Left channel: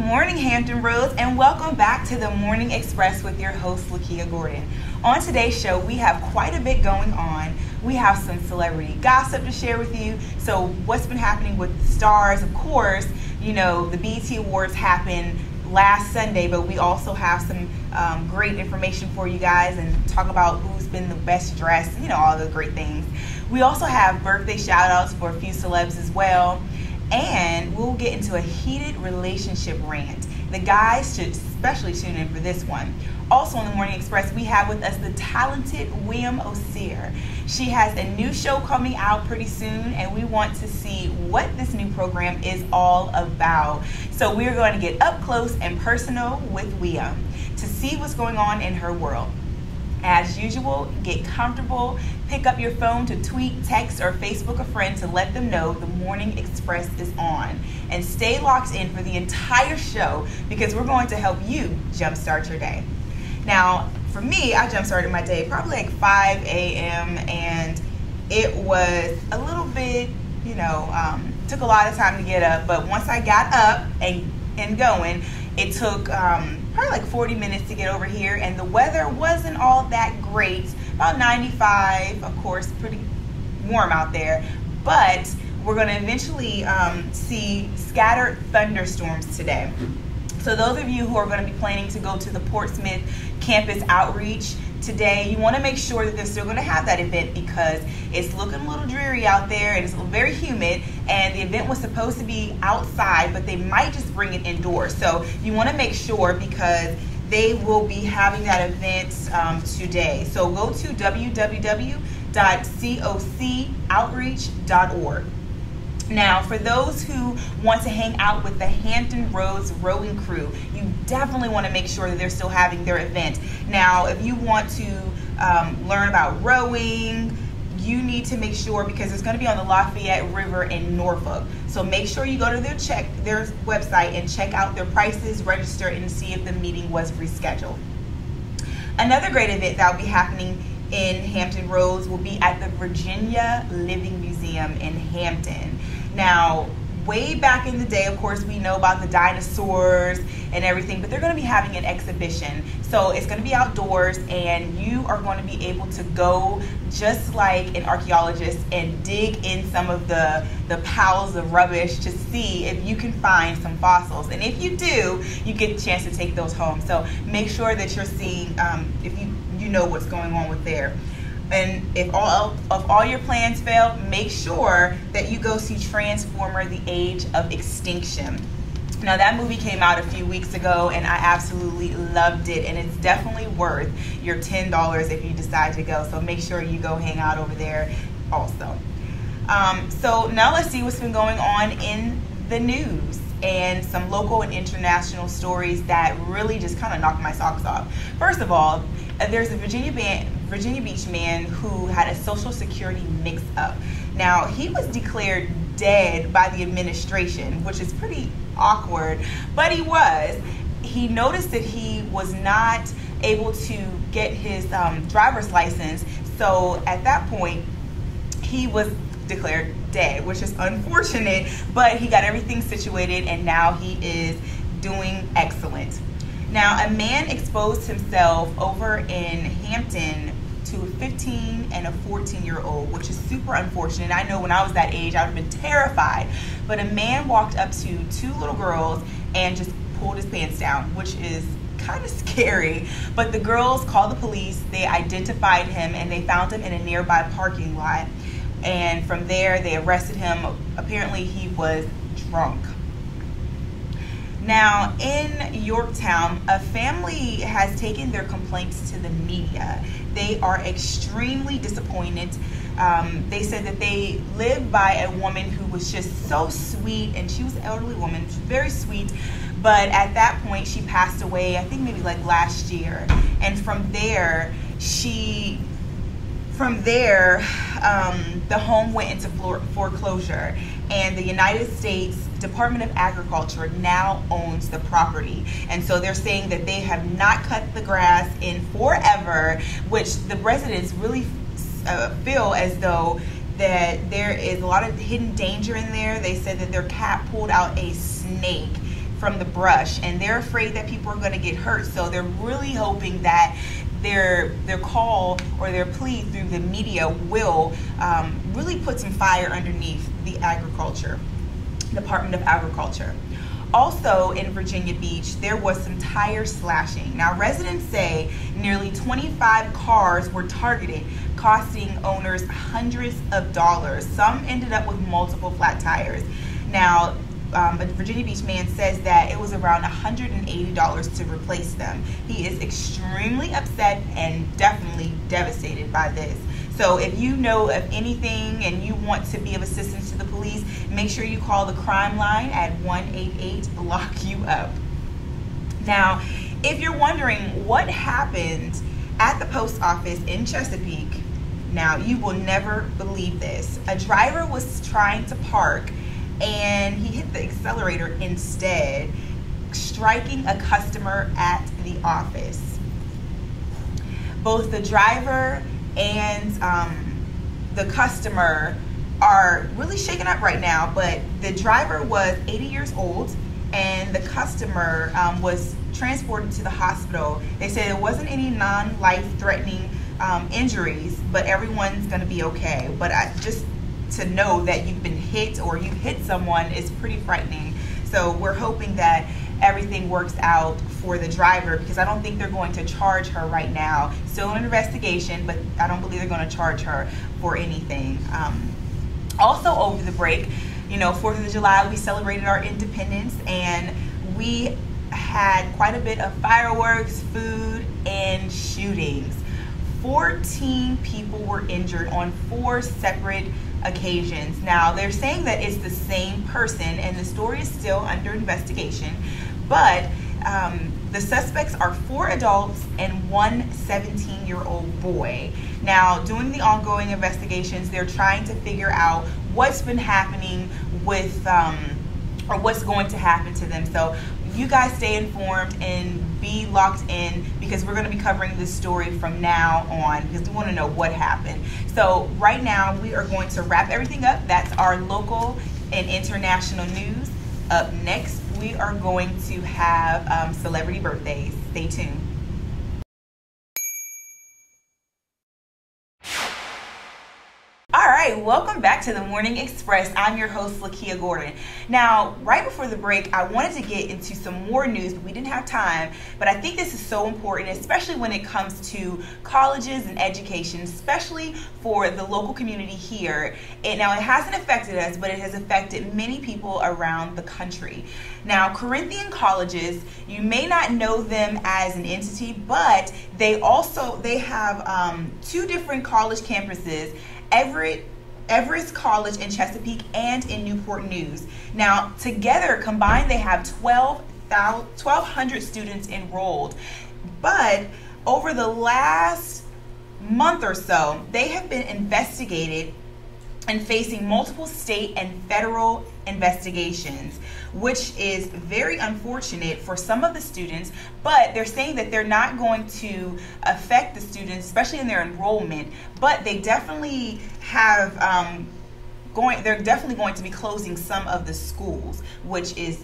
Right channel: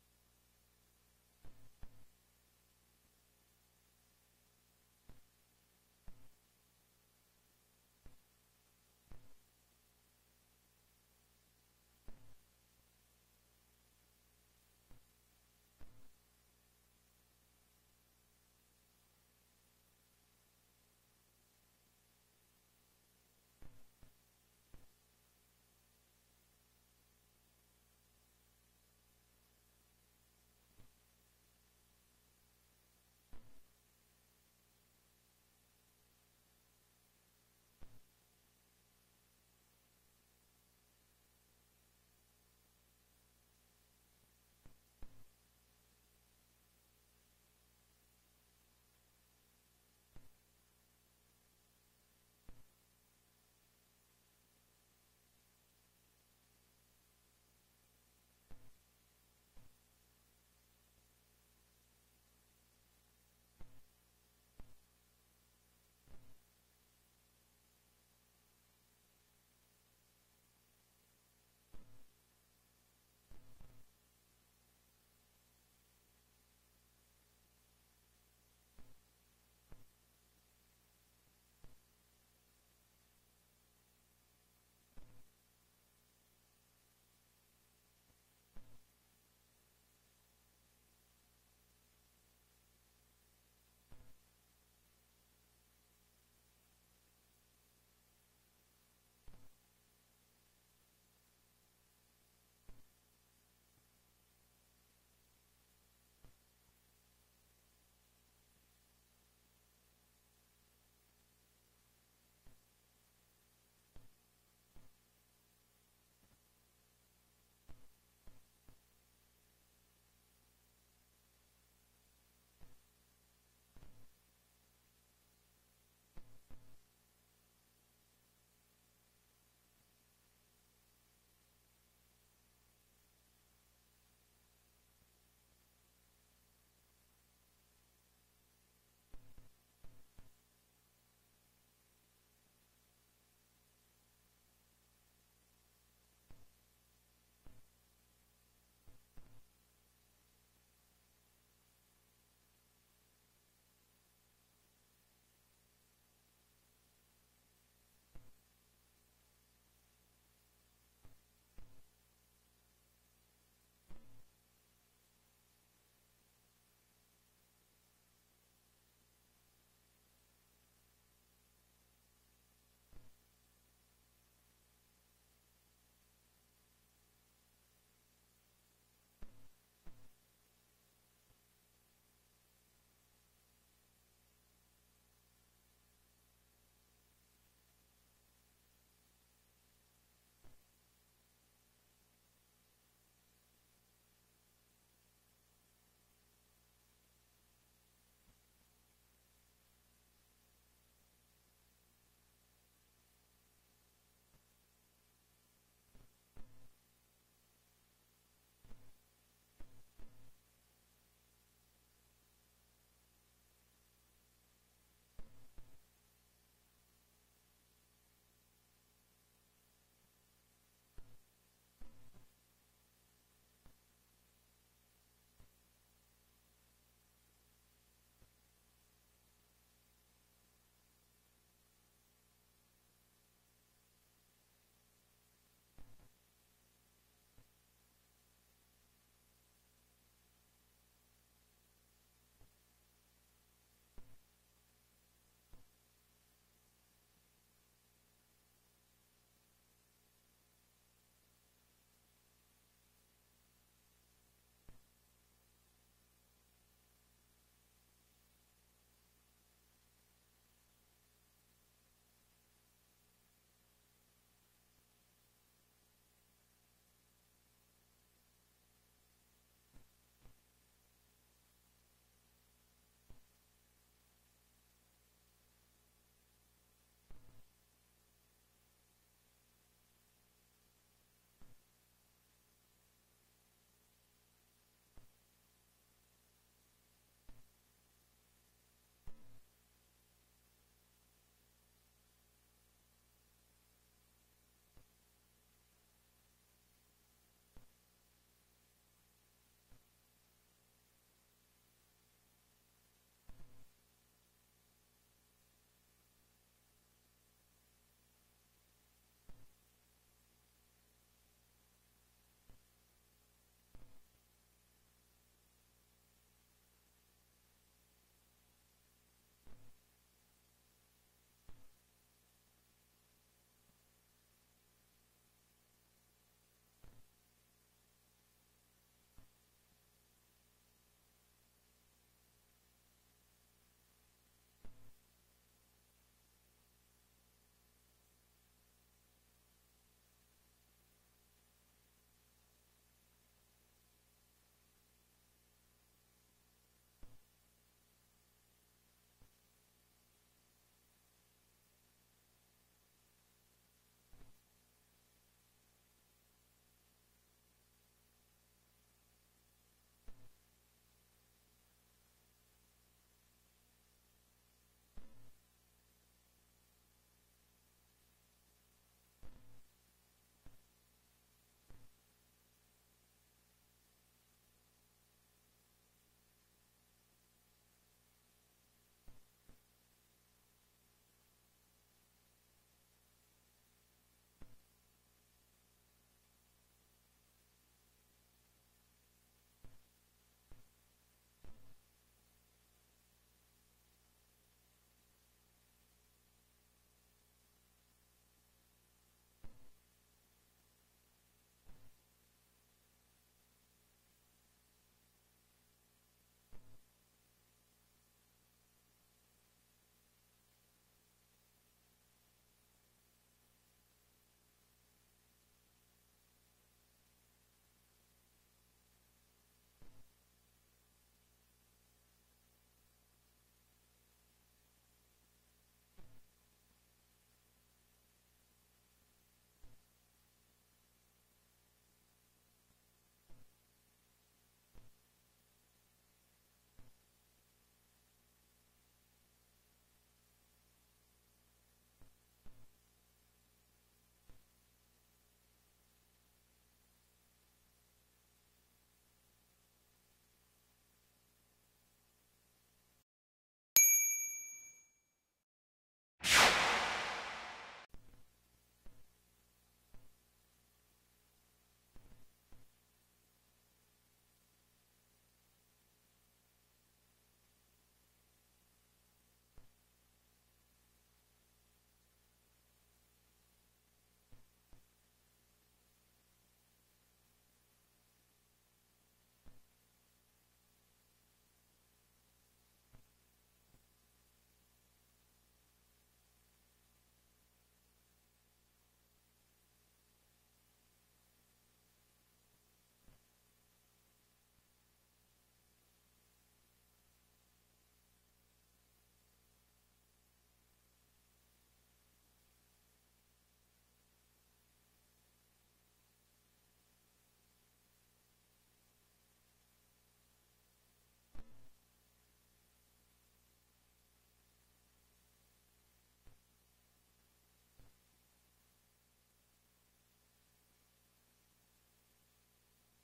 morning, Hampton Roads, and welcome back to the Morning Express with your host, Lakia Gordon. On today's show, we have quite a bit going on. We have some celebrity gossip to share with you. So what's been happening with stars? Of course, you know, the BET Awards happened last Sunday, but we also have some great information for you guys and talk about who's been the best dressed, you know, all the great things. We also have birthday shout outs for a few celebs as well. And we'll get into a heated relationship rant. The guys should especially tune in for this one. Also on the Morning Express, we have with us the talented William Osir. She has a new show coming out pretty soon, and we want to see what this new program is all about. So we're going to get up close and personal with William to see what's going on in her world. As usual, get comfortable, pick up your phone to tweet, text, or Facebook a friend to let them know the Morning Express is on. And stay locked in for the entire show because we're going to help you jumpstart your day. Now, for me, I jumpstarted my day probably like 5 a.m. and it was a little bit, you know, took a lot of time to get up. But once I got up and going, it took probably like 40 minutes to get over here, and the weather wasn't all that great. About 95, of course, pretty warm out there, but we're going to eventually see scattered thunderstorms today. So those of you who are going to be planning to go to the Portsmouth campus outreach today, you want to make sure that they're still going to have that event because it's looking a little dreary out there and it's very humid, and the event was supposed to be outside, but they might just bring it indoors. So you want to make sure because they will be having that event today. So go to www.cocoutreach.org. Now, for those who want to hang out with the Hampton Roads rowing crew, you definitely want to make sure that they're still having their event. Now, if you want to learn about rowing, you need to make sure, because it's going to be on the Lafayette River in Norfolk. So make sure you go to their website and check out their prices, register, and see if the meeting was rescheduled. Another great event that will be happening in Hampton Roads will be at the Virginia Living Museum in Hampton. Now, way back in the day, of course, we know about the dinosaurs and everything, but they're going to be having an exhibition. So it's going to be outdoors, and you are going to be able to go just like an archaeologist and dig in some of the piles of rubbish to see if you can find some fossils. And if you do, you get a chance to take those home. So make sure that you're seeing, if you know what's going on with there. And if all your plans fail, make sure that you go see Transformer: The Age of Extinction. Now, that movie came out a few weeks ago, and I absolutely loved it, and it's definitely worth your $10 if you decide to go. So make sure you go hang out over there also. So now let's see what's been going on in the news and some local and international stories that really just kind of knocked my socks off. First of all, there's a Virginia Beach man who had a Social Security mix-up. Now, he was declared dead by the administration, which is pretty awkward, but he noticed that he was not able to get his driver's license, so at that point, he was declared dead, which is unfortunate, but he got everything situated and now he is doing excellent. Now, a man exposed himself over in Hampton to a 15 and a 14-year-old, which is super unfortunate. I know when I was that age, I would have been terrified. But a man walked up to two little girls and just pulled his pants down, which is kind of scary. But the girls called the police, they identified him, and they found him in a nearby parking lot. And from there, they arrested him. Apparently, he was drunk. Now, in Yorktown, a family has taken their complaints to the media. They are extremely disappointed. They said that they lived by a woman who was just so sweet, and she was an elderly woman, very sweet, but at that point she passed away, I think maybe like last year. And from there, the home went into foreclosure, and the United States Department of Agriculture now owns the property. And so they're saying that they have not cut the grass in forever, which the residents really feel as though that there is a lot of hidden danger in there. They said that their cat pulled out a snake from the brush, and they're afraid that people are going to get hurt. So they're really hoping that their call or their plea through the media will really put some fire underneath the Department of Agriculture. Also in Virginia Beach, there was some tire slashing. Now, residents say nearly 25 cars were targeted, costing owners hundreds of dollars. Some ended up with multiple flat tires. Now, a Virginia Beach man says that it was around $180 to replace them. He is extremely upset and definitely devastated by this. So if you know of anything and you want to be of assistance to the police, make sure you call the crime line at 188-LOCK-YOU-UP. Now, if you're wondering what happened at the post office in Chesapeake, now you will never believe this. A driver was trying to park and he hit the accelerator instead, striking a customer at the office. Both the driver and the customer are really shaken up right now, but the driver was 80 years old and the customer was transported to the hospital. They said there wasn't any non-life-threatening injuries, but everyone's going to be okay. But just to know that you've been hit or you hit someone is pretty frightening. So we're hoping that everything works out for the driver, because I don't think they're going to charge her right now. Still an investigation, but I don't believe they're going to charge her for anything. Also over the break, 4th of July, we celebrated our independence, and we had quite a bit of fireworks, food, and shootings. 14 people were injured on 4 separate occasions. Now, they're saying that it's the same person, and the story is still under investigation, but the suspects are 4 adults and 1 17-year-old boy. Now, during the ongoing investigations, they're trying to figure out what's been happening with, or what's going to happen to them. So you guys stay informed and be locked in, because we're going to be covering this story from now on, because we want to know what happened. So right now we are going to wrap everything up. That's our local and international news. Up next, we are going to have celebrity birthdays. Stay tuned. All right, welcome back to the Morning Express. I'm your host, Lakia Gordon. Now, right before the break, I wanted to get into some more news, but we didn't have time. But I think this is so important, especially when it comes to colleges and education, especially for the local community here. Now, it hasn't affected us, but it has affected many people around the country. Now, Corinthian colleges, you may not know them as an entity, but they have 2 different college campuses, Everest College in Chesapeake and in Newport News. Now, together, combined, they have 1,200 students enrolled. But over the last month or so, they have been investigated and facing multiple state and federal investigations, which is very unfortunate for some of the students, but they're saying that they're not going to affect the students, especially in their enrollment, but they definitely have they're definitely going to be closing some of the schools, which is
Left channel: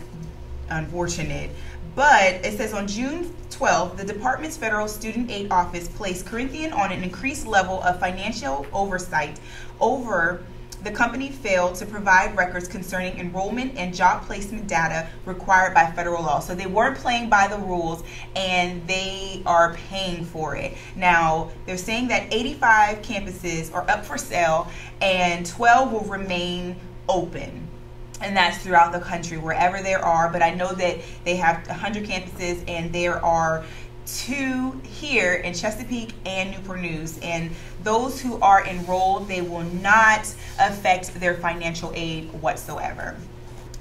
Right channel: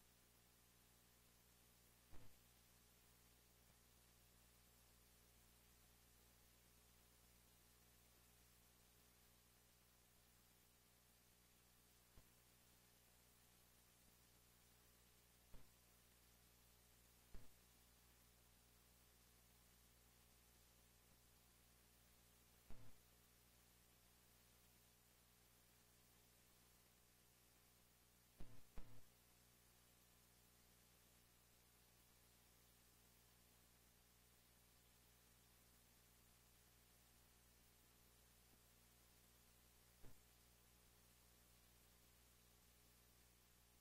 unfortunate. But it says on June 12th, the department's Federal Student Aid Office placed Corinthian on an increased level of financial oversight over the company failed to provide records concerning enrollment and job placement data required by federal law. So they weren't playing by the rules, and they are paying for it. Now, they're saying that 85 campuses are up for sale and 12 will remain open. And that's throughout the country, wherever there are. But I know that they have 100 campuses, and there are 2 here in Chesapeake and Newport News. And those who are enrolled, they will not affect their financial aid whatsoever.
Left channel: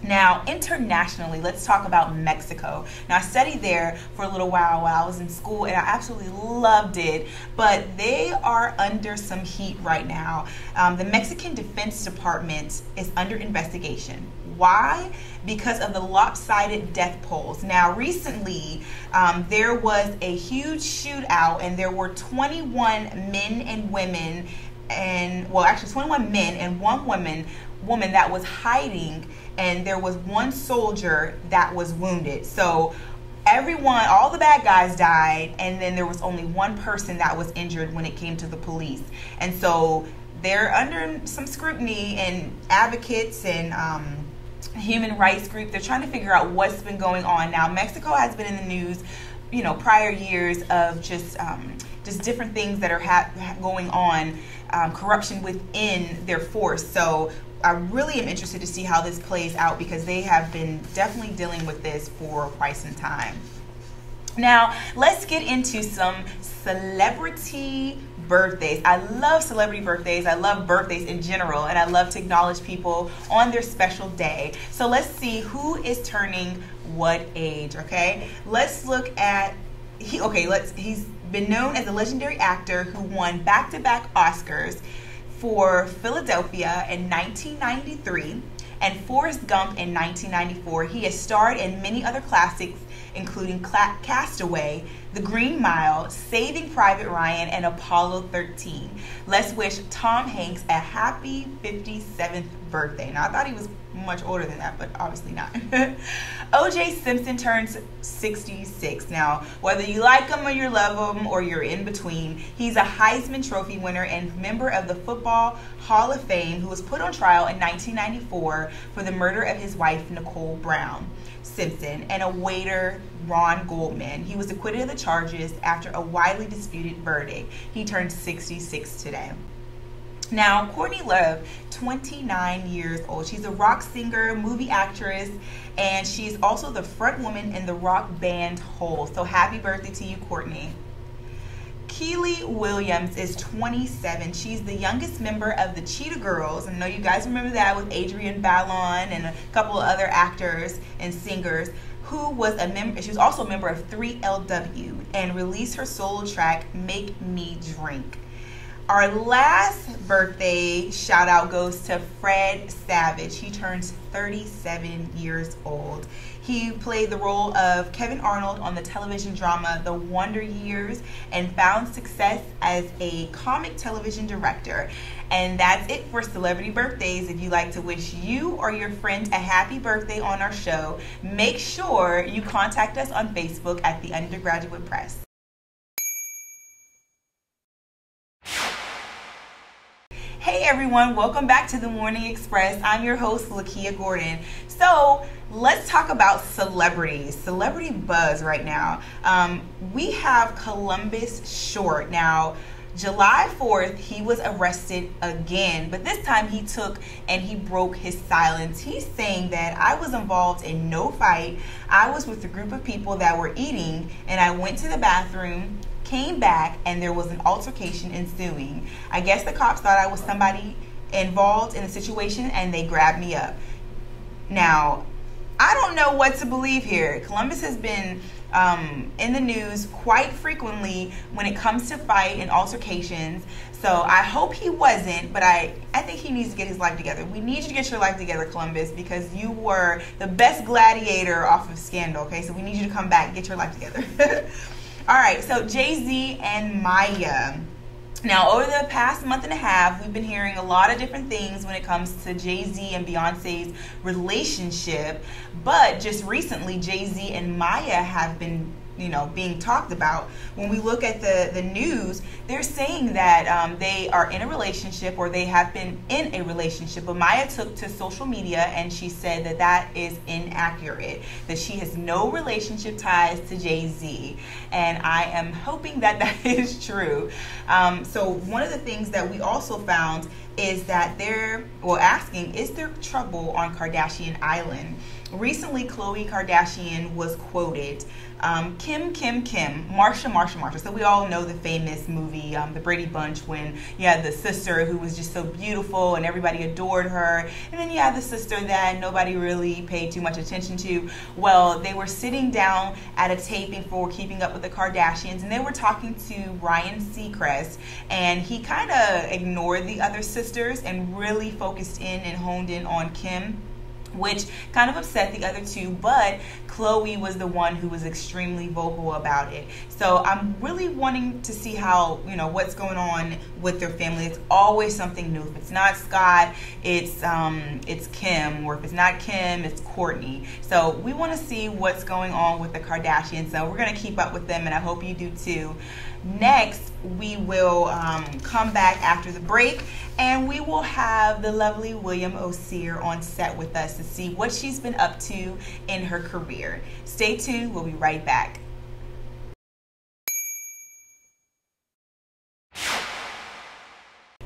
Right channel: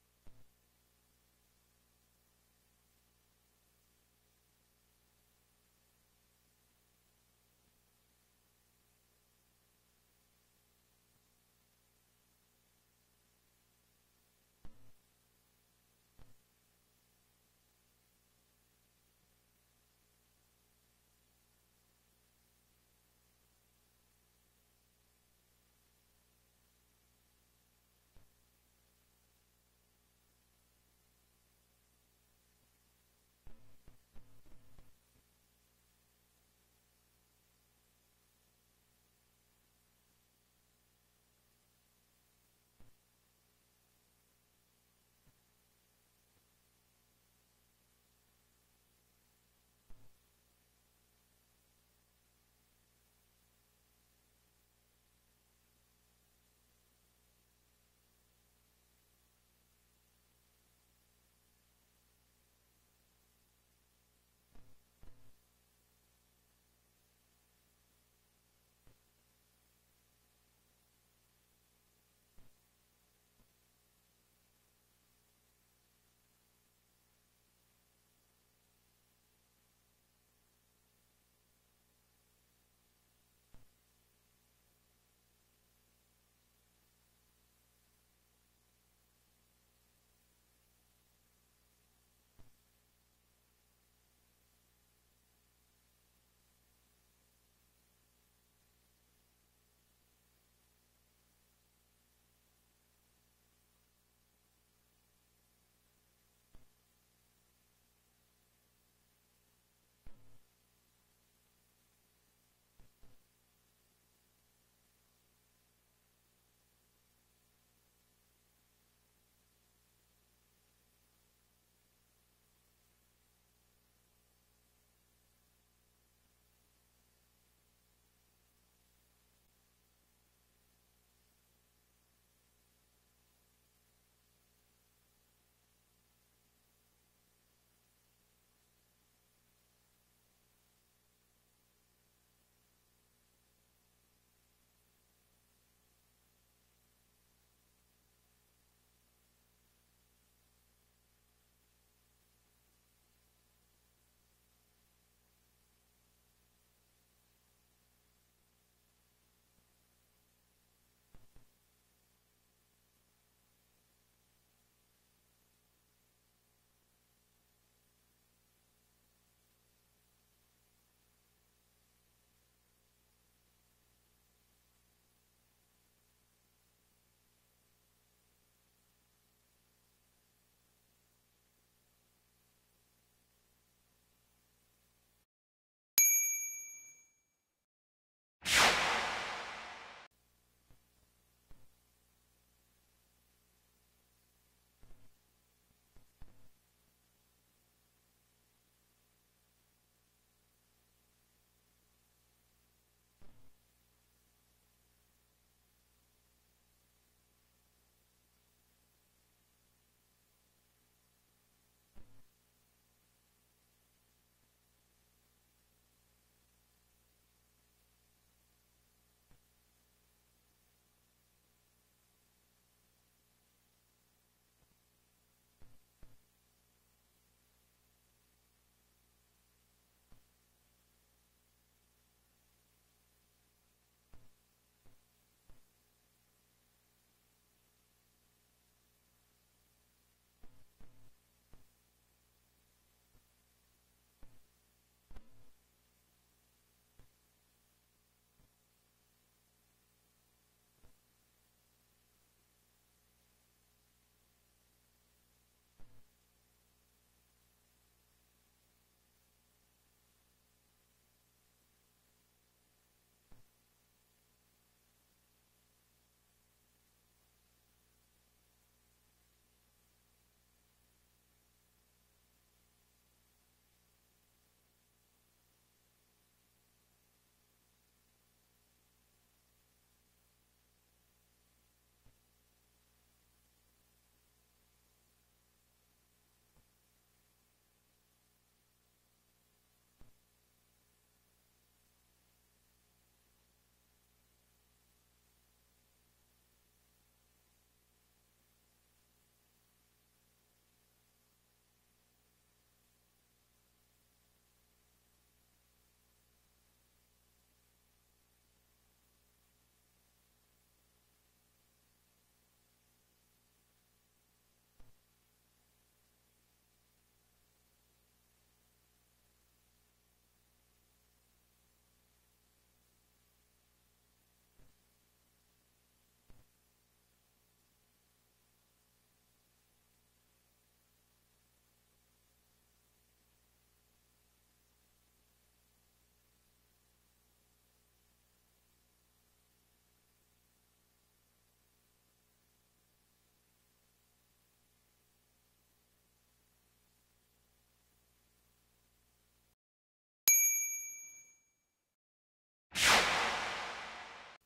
Now, internationally, let's talk about Mexico. Now, I studied there for a little while I was in school, and I absolutely loved it, but they are under some heat right now. The Mexican Defense Department is under investigation. Why? Because of the lopsided death polls. Now, recently, there was a huge shootout, and there were 21 men and women, and well, actually 21 men and 1 woman that was hiding and there was one soldier that was wounded. So everyone, all the bad guys died, and then there was only one person that was injured when it came to the police. And so they're under some scrutiny, and advocates and human rights group, they're trying to figure out what's been going on. Now, Mexico has been in the news, prior years of just different things that are going on, corruption within their force. So I really am interested to see how this plays out, because they have been definitely dealing with this for quite some time. Now, let's get into some celebrity birthdays. I love celebrity birthdays. I love birthdays in general, and I love to acknowledge people on their special day. So let's see who is turning what age, okay? Let's look at, he's been known as a legendary actor who won back-to-back Oscars for Philadelphia in 1993 and Forrest Gump in 1994. He has starred in many other classics, including Castaway, The Green Mile, Saving Private Ryan, and Apollo 13. Let's wish Tom Hanks a happy 57th birthday. Now, I thought he was much older than that, but obviously not. O.J. Simpson turns 66. Now, whether you like him or you love him or you're in between, he's a Heisman Trophy winner and member of the Football Hall of Fame, who was put on trial in 1994 for the murder of his wife, Nicole Brown Simpson, and a waiter, Ron Goldman. He was acquitted of the charges after a widely disputed verdict. He turned 66 today. Now, Courtney Love, 29 years old. She's a rock singer, movie actress, and she's also the front woman in the rock band Hole. So happy birthday to you, Courtney. Keely Williams is 27. She's the youngest member of the Cheetah Girls. I know you guys remember that with Adrienne Bailon and a couple of other actors and singers. Who was a member? She was also a member of 3LW and released her solo track "Make Me Drink." Our last birthday shout out goes to Fred Savage. He turns 37 years old. He played the role of Kevin Arnold on the television drama The Wonder Years and found success as a comic television director. And that's it for celebrity birthdays. If you'd like to wish you or your friend a happy birthday on our show, make sure you contact us on Facebook at The Undergraduate Press. Hey everyone, welcome back to the Morning Express. I'm your host, Lakia Gordon. So let's talk about celebrities, celebrity buzz right now. We have Columbus Short. Now, July 4th, he was arrested again, but this time he took and he broke his silence. He's saying that I was involved in no fight. I was with a group of people that were eating, and I went to the bathroom, came back, and there was an altercation ensuing. I guess the cops thought I was somebody involved in the situation, and they grabbed me up. Now, I don't know what to believe here. Columbus has been in the news quite frequently when it comes to fight and altercations. So I hope he wasn't, but I think he needs to get his life together. We need you to get your life together, Columbus, because you were the best gladiator off of Scandal, okay? So we need you to come back and get your life together. All right, so Jay-Z and Maya. Now, over the past month and a half, we've been hearing a lot of different things when it comes to Jay-Z and Beyonce's relationship. But just recently, Jay-Z and Maya have been, being talked about. When we look at the news, they're saying that they are in a relationship, or they have been in a relationship. But Maya took to social media and she said that that is inaccurate, that she has no relationship ties to Jay-Z. And I am hoping that that is true. So one of the things that we also found is that asking, is there trouble on Kardashian Island? Recently, Khloe Kardashian was quoted, Kim, Marsha. So we all know the famous movie, The Brady Bunch, when you had the sister who was just so beautiful and everybody adored her. And then you had the sister that nobody really paid too much attention to. Well, they were sitting down at a taping for Keeping Up with the Kardashians, and they were talking to Ryan Seacrest, and he kind of ignored the other sisters and really focused in and honed in on Kim. which kind of upset the other two, but Chloe was the one who was extremely vocal about it. So I'm really wanting to see how, what's going on with their family. It's always something new. If it's not Scott, it's Kim, or if it's not Kim, it's Courtney. So we want to see what's going on with the Kardashians. So we're going to keep up with them, and I hope you do too. Next, we will come back after the break, and we will have the lovely William Osir on set with us to see what she's been up to in her career. Stay tuned. We'll be right back.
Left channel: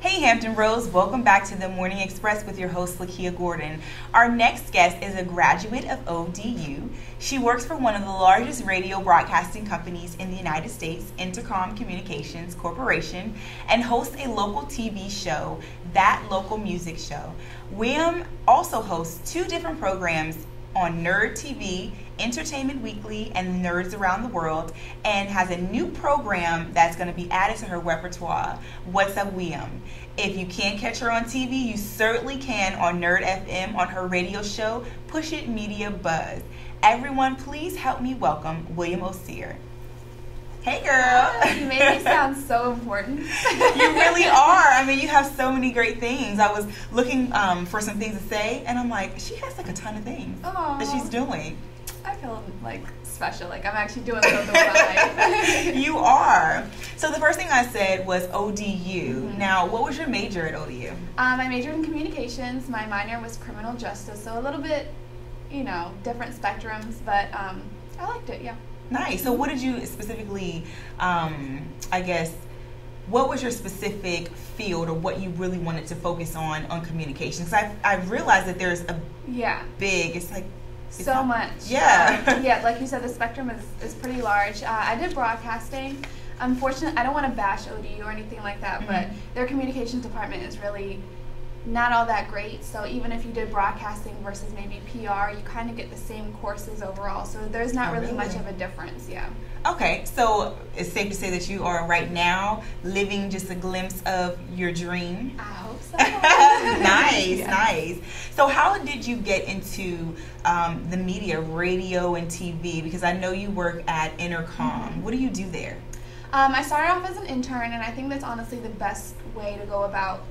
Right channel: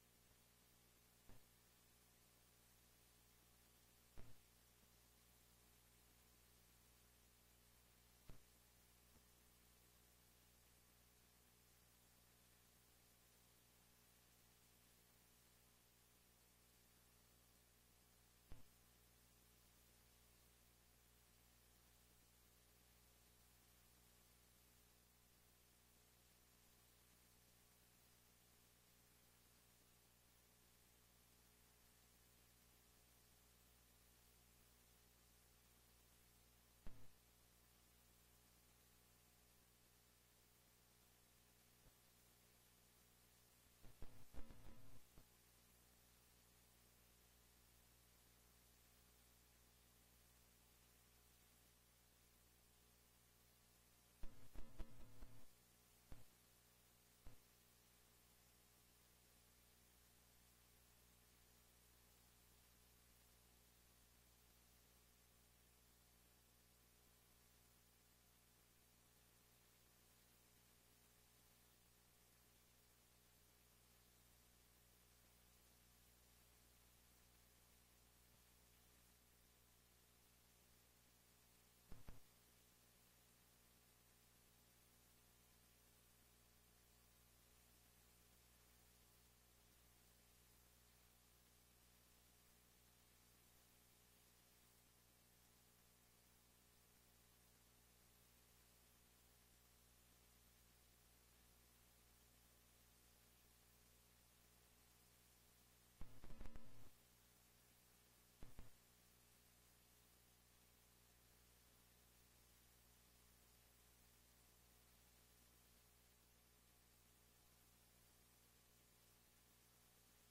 Hey Hampton Roads, welcome back to the Morning Express with your host Lakia Gordon. Our next guest is a graduate of ODU. She works for one of the largest radio broadcasting companies in the United States, Intercom Communications Corporation, and hosts a local TV show, That Local Music Show. William also hosts 2 different programs on Nerd TV, Entertainment Weekly, and Nerds Around the World, and has a new program that's going to be added to her repertoire, What's Up William. If you can't catch her on TV, you certainly can on Nerd FM on her radio show, Push It Media Buzz. Everyone, please help me welcome William Osir. Hey girl. You made me sound so important. You really are. I mean, you have so many great things. I was looking for some things to say, and I'm like, she has like a ton of things that she's doing. I feel like special, like I'm actually doing something right. You are. So the first thing I said was ODU. Mm-hmm. Now, what was your major at ODU? I majored in communications. My minor was criminal justice, so a little bit, different spectrums, but I liked it, yeah. Nice. So what did you specifically, what was your specific field or what you really wanted to focus on communications? Because I realized that there's a big, it's so much. Yeah. Yeah, like you said, the spectrum is pretty large. I did broadcasting. Unfortunately, I don't want to bash ODU or anything like that, but their communications department is really not all that great. So even if you did broadcasting versus maybe PR, you kind of get the same courses overall. So there's not really much of a difference, yeah. Okay, so it's safe to say that you are right now living just a glimpse of your dream. I hope so. Nice, nice. So how did you get into the media, radio and TV? Because I know you work at Intercom. What do you do there? I started off as an intern, and I think that's honestly the best way to go about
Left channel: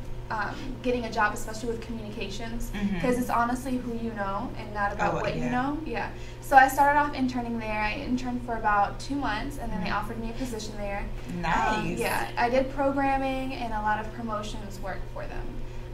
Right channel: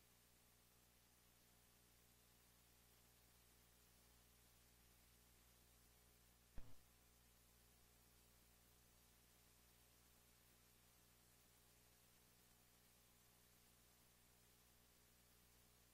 getting a job, especially with communications, because it's honestly who you know and not about what you know. Yeah. So I started off interning there. I interned for about 2 months, and then they offered me a position there. Nice. Yeah, I did programming and a lot of promotions work for them.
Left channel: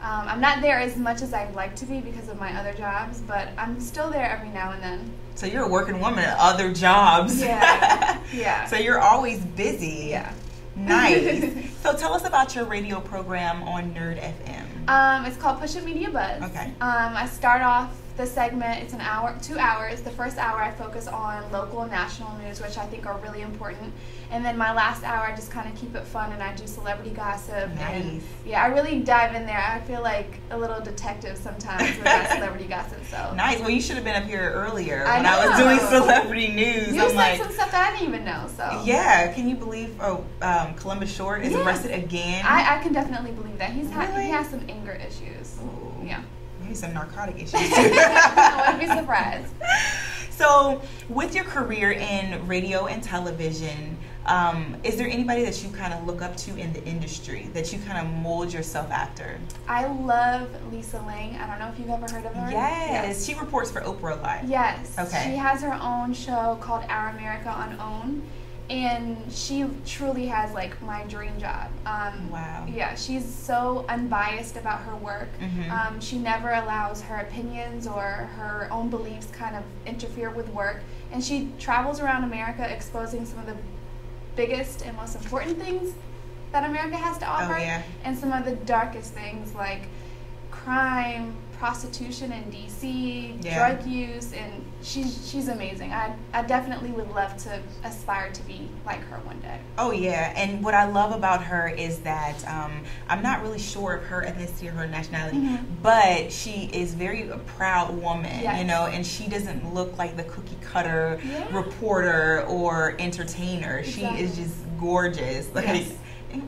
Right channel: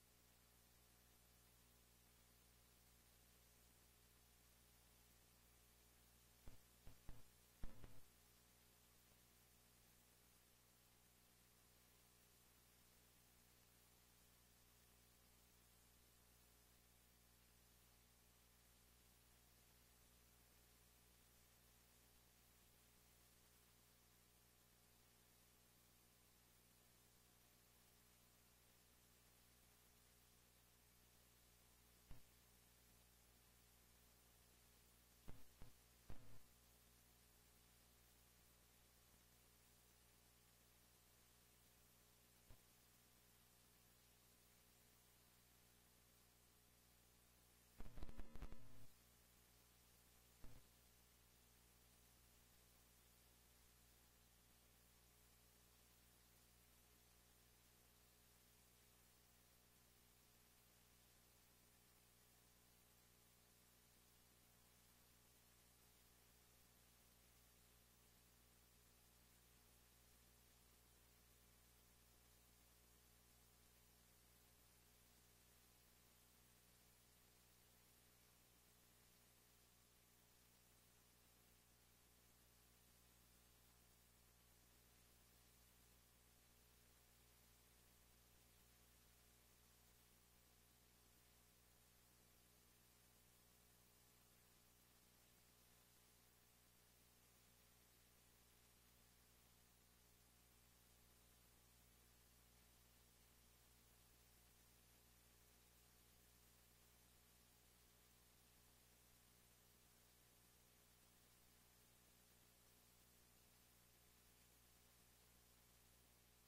I'm not there as much as I'd like to be because of my other jobs, but I'm still there every now and then. So you're a working woman at other jobs. Yeah. Yeah. So you're always busy. Yeah. Nice. So tell us about your radio program on Nerd FM. It's called Push It Media Buzz. Okay. I start off the segment, it's 2 hours. The first hour I focus on local and national news, which I think are really important. And then my last hour I just kind of keep it fun and I do celebrity gossip. Nice. And yeah, I really dive in there. I feel like a little detective sometimes with my celebrity gossip. So nice. Well, you should have been up here earlier when I was doing celebrity news. You said some stuff that I didn't even know. So yeah, can you believe Columbus Short is arrested again? I can definitely believe that. He has some anger issues. Ooh. Yeah. Maybe some narcotic issues. I wouldn't be surprised. So, with your career in radio and television, is there anybody that you kind of look up to in the industry that you kind of mold yourself after? I love Lisa Lang. I don't know if you've ever heard of her. Yes. She reports for Oprah a lot. Yes. Okay. She has her own show called Our America on OWN. And she truly has like my dream job. Wow. Yeah, she's so unbiased about her work. She never allows her opinions or her own beliefs kind of interfere with work. And she travels around America exposing some of the biggest and most important things that America has to offer. And some of the darkest things like crime, prostitution in DC, drug use, and she's amazing. I definitely would love to aspire to be like her one day. Oh yeah, and what I love about her is that I'm not really sure of her ethnicity or her nationality, but she is very a proud woman, you know, and she doesn't look like the cookie cutter reporter or entertainer. She is just gorgeous. Like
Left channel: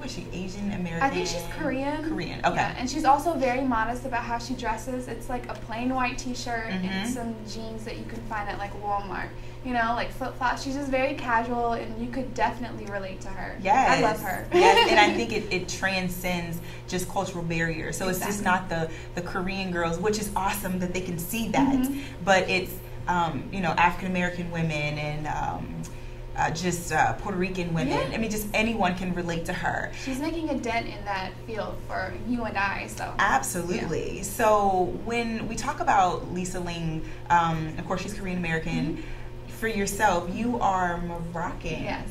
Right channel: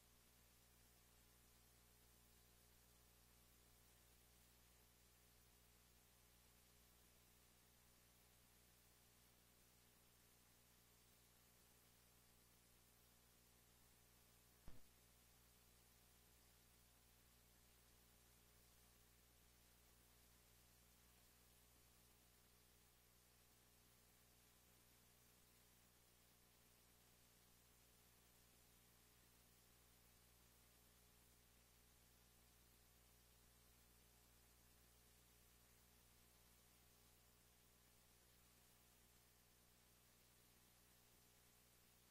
was she Asian American? I think she's Korean. Korean, okay. Yeah, and she's also very modest about how she dresses. It's like a plain white t-shirt and some jeans that you can find at like Walmart. You know, like flip-flops. She's just very casual, and you could definitely relate to her. Yes. I love her. Yes, and I think it transcends just cultural barriers. So it's just not the Korean girls, which is awesome that they can see that, but it's, you know, African-American women and just Puerto Rican women. Yeah. I mean, just anyone can relate to her. She's making a dent in that field for you and I, so. Absolutely. Yeah. So when we talk about Lisa Ling, of course she's Korean American. For yourself, you are Moroccan. Yes.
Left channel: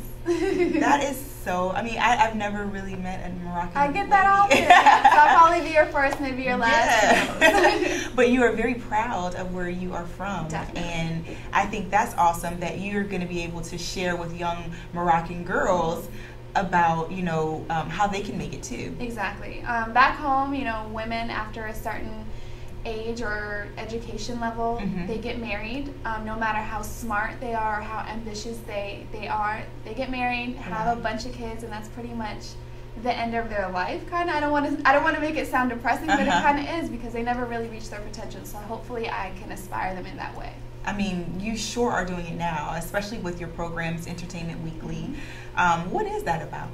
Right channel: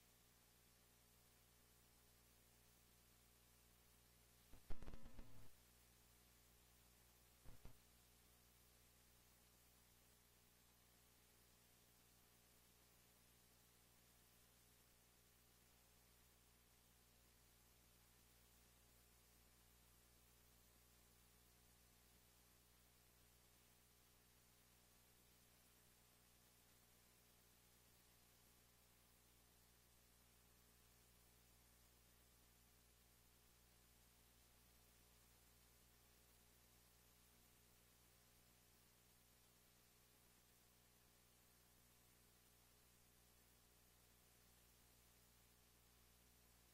That is so, I mean, I've never really met a Moroccan I get that often. Yeah. So I'll probably be your first, maybe your last. Yeah. But you are very proud of where you are from. Definitely. And I think that's awesome that you're going to be able to share with young Moroccan girls about, you know, how they can make it too. Exactly. Back home, you know, women after a certain age or education level, they get married. No matter how smart they are or how ambitious they are, they get married, have a bunch of kids, and that's pretty much the end of their life. Kind of. I don't want to make it sound depressing, but it kind of is, because they never really reach their potential. So hopefully, I can aspire them in that way. I mean, you sure are doing it now, especially with your programs, Entertainment Weekly. What is that about?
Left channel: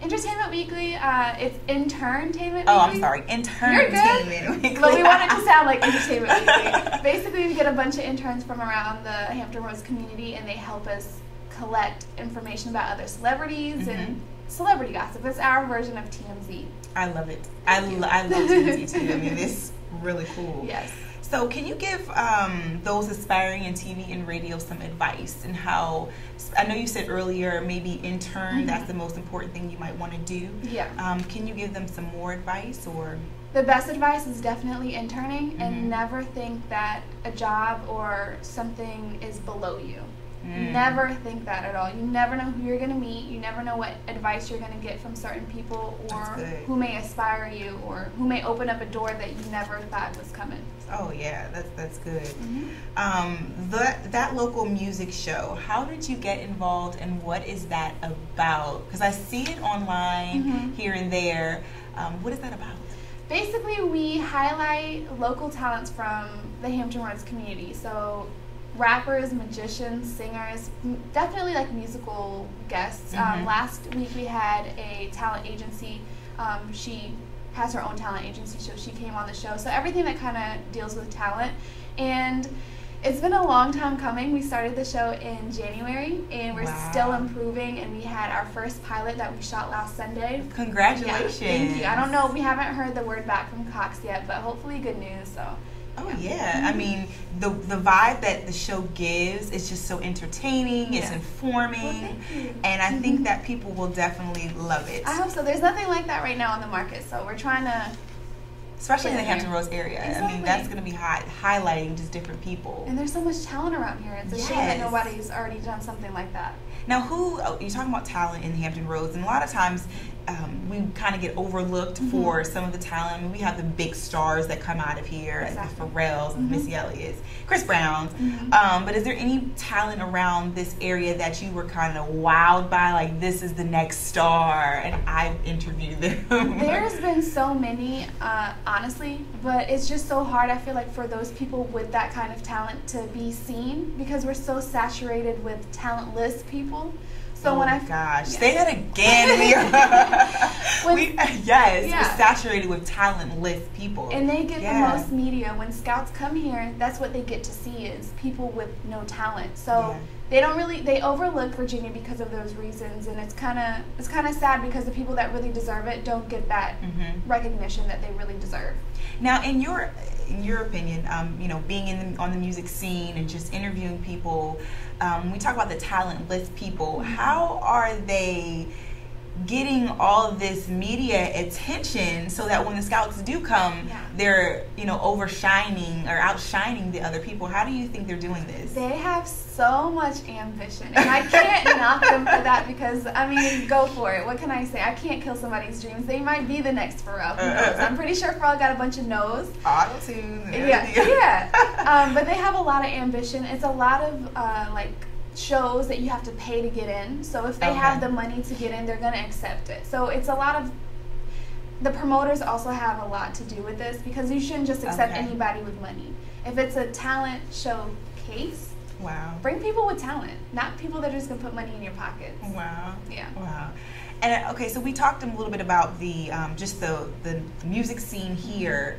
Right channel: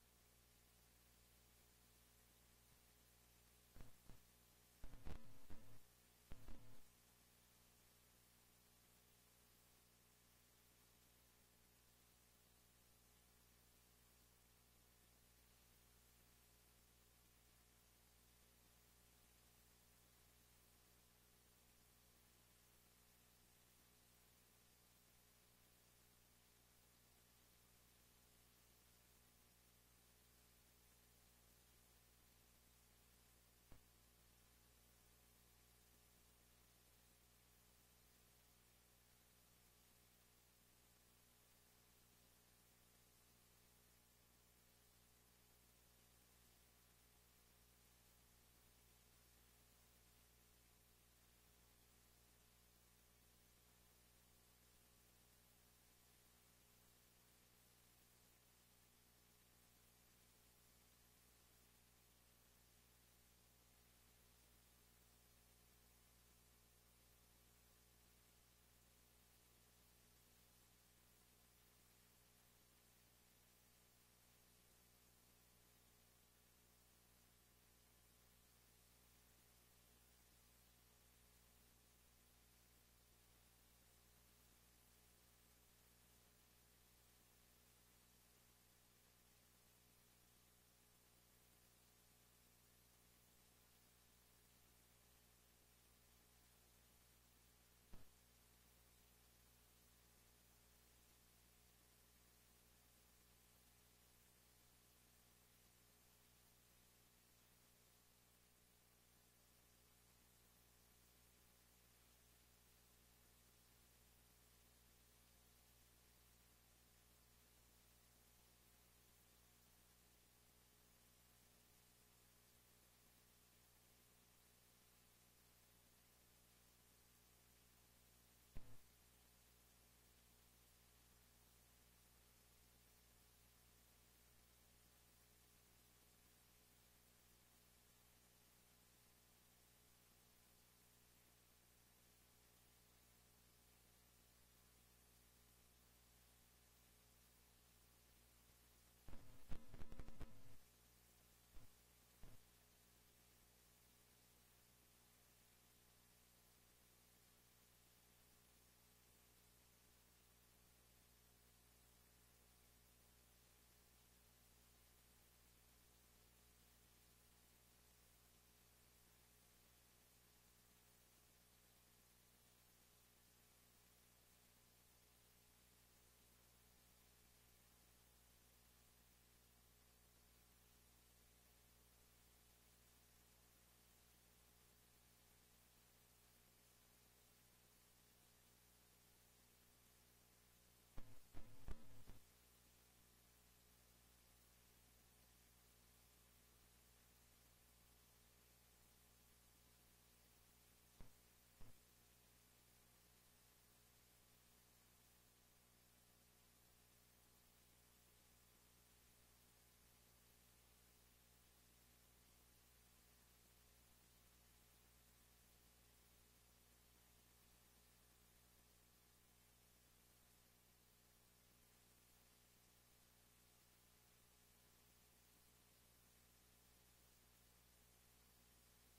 Entertainment Weekly, it's Interntainment Weekly. Oh, I'm sorry, Entertainment Weekly. But we want it to sound like Entertainment Weekly. Basically, we get a bunch of interns from around the Hampton Roads community, and they help us collect information about other celebrities and celebrity gossip. It's our version of TMZ. I love it. I love TMZ too. I mean, it's really cool. Yes. So can you give those aspiring in TV and radio some advice and how, I know you said earlier maybe intern, that's the most important thing you might want to do. Yeah. Can you give them some more advice or? The best advice is definitely interning, and never think that a job or something is below you. Never think that at all. You never know who you're going to meet. You never know what advice you're going to get from certain people, or who may inspire you, or who may open up a door that you never thought was coming. Oh yeah, that's good. That local music show, how did you get involved, and what is that about? Because I see it online here and there. What is that about? Basically, we highlight local talents from the Hampton Roads community. So rappers, magicians, singers, definitely like musical guests. Last week we had a talent agency. She has her own talent agency, so she came on the show. So everything that kind of deals with talent. And it's been a long time coming. We started the show in January, and we're still improving, and we had our first pilot that we shot last Sunday. Congratulations. Yeah, thank you. I don't know, we haven't heard the word back from Cox yet, but hopefully good news. So. Oh yeah, I mean the vibe that the show gives is just so entertaining, it's informing, and I think that people will definitely love it. I hope so. There's nothing like that right now on the market, so we're trying to, especially in the Hampton Roads area. I mean, that's going to be highlighting just different people. And there's so much talent around here. It's a shame that nobody's already done something like that. Now, you're talking about talent in the Hampton Roads, and a lot of times we kind of get overlooked for some of the talent. I mean, we have the big stars that come out of here, like the Pharrells, Missy Elliott's, Chris Brown's. But is there any talent around this area that you were kind of wowed by, like this is the next star, and I've interviewed them? There's been so many, honestly, but it's just so hard, I feel like, for those people with that kind of talent to be seen, because we're so saturated with talentless people. So say that again. We're saturated with talentless people, and they get the most media. When scouts come here, that's what they get to see, is people with no talent. So they overlook Virginia because of those reasons, and it's kind of sad, because the people that really deserve it don't get that recognition that they really deserve. Now, in your opinion, you know, being on the music scene and just interviewing people, when we talk about the talentless people, how are they getting all of this media attention so that when the scouts do come, they're, you know, outshining the other people? How do you think they're doing this? They have so much ambition, and I can't knock them for that, because, I mean, go for it. What can I say? I can't kill somebody's dreams. They might be the next Pharrell. Who knows? I'm pretty sure Pharrell got a bunch of no's. Auto-tune. But they have a lot of ambition. It's a lot of, like, shows that you have to pay to get in. So if they have the money to get in, they're going to accept it. So it's a lot of, the promoters also have a lot to do with this, because you shouldn't just accept anybody with money. If it's a talent showcase, bring people with talent, not people that are just going to put money in your pockets. Wow. Yeah. Wow. And okay, so we talked a little bit about the just the music scene here.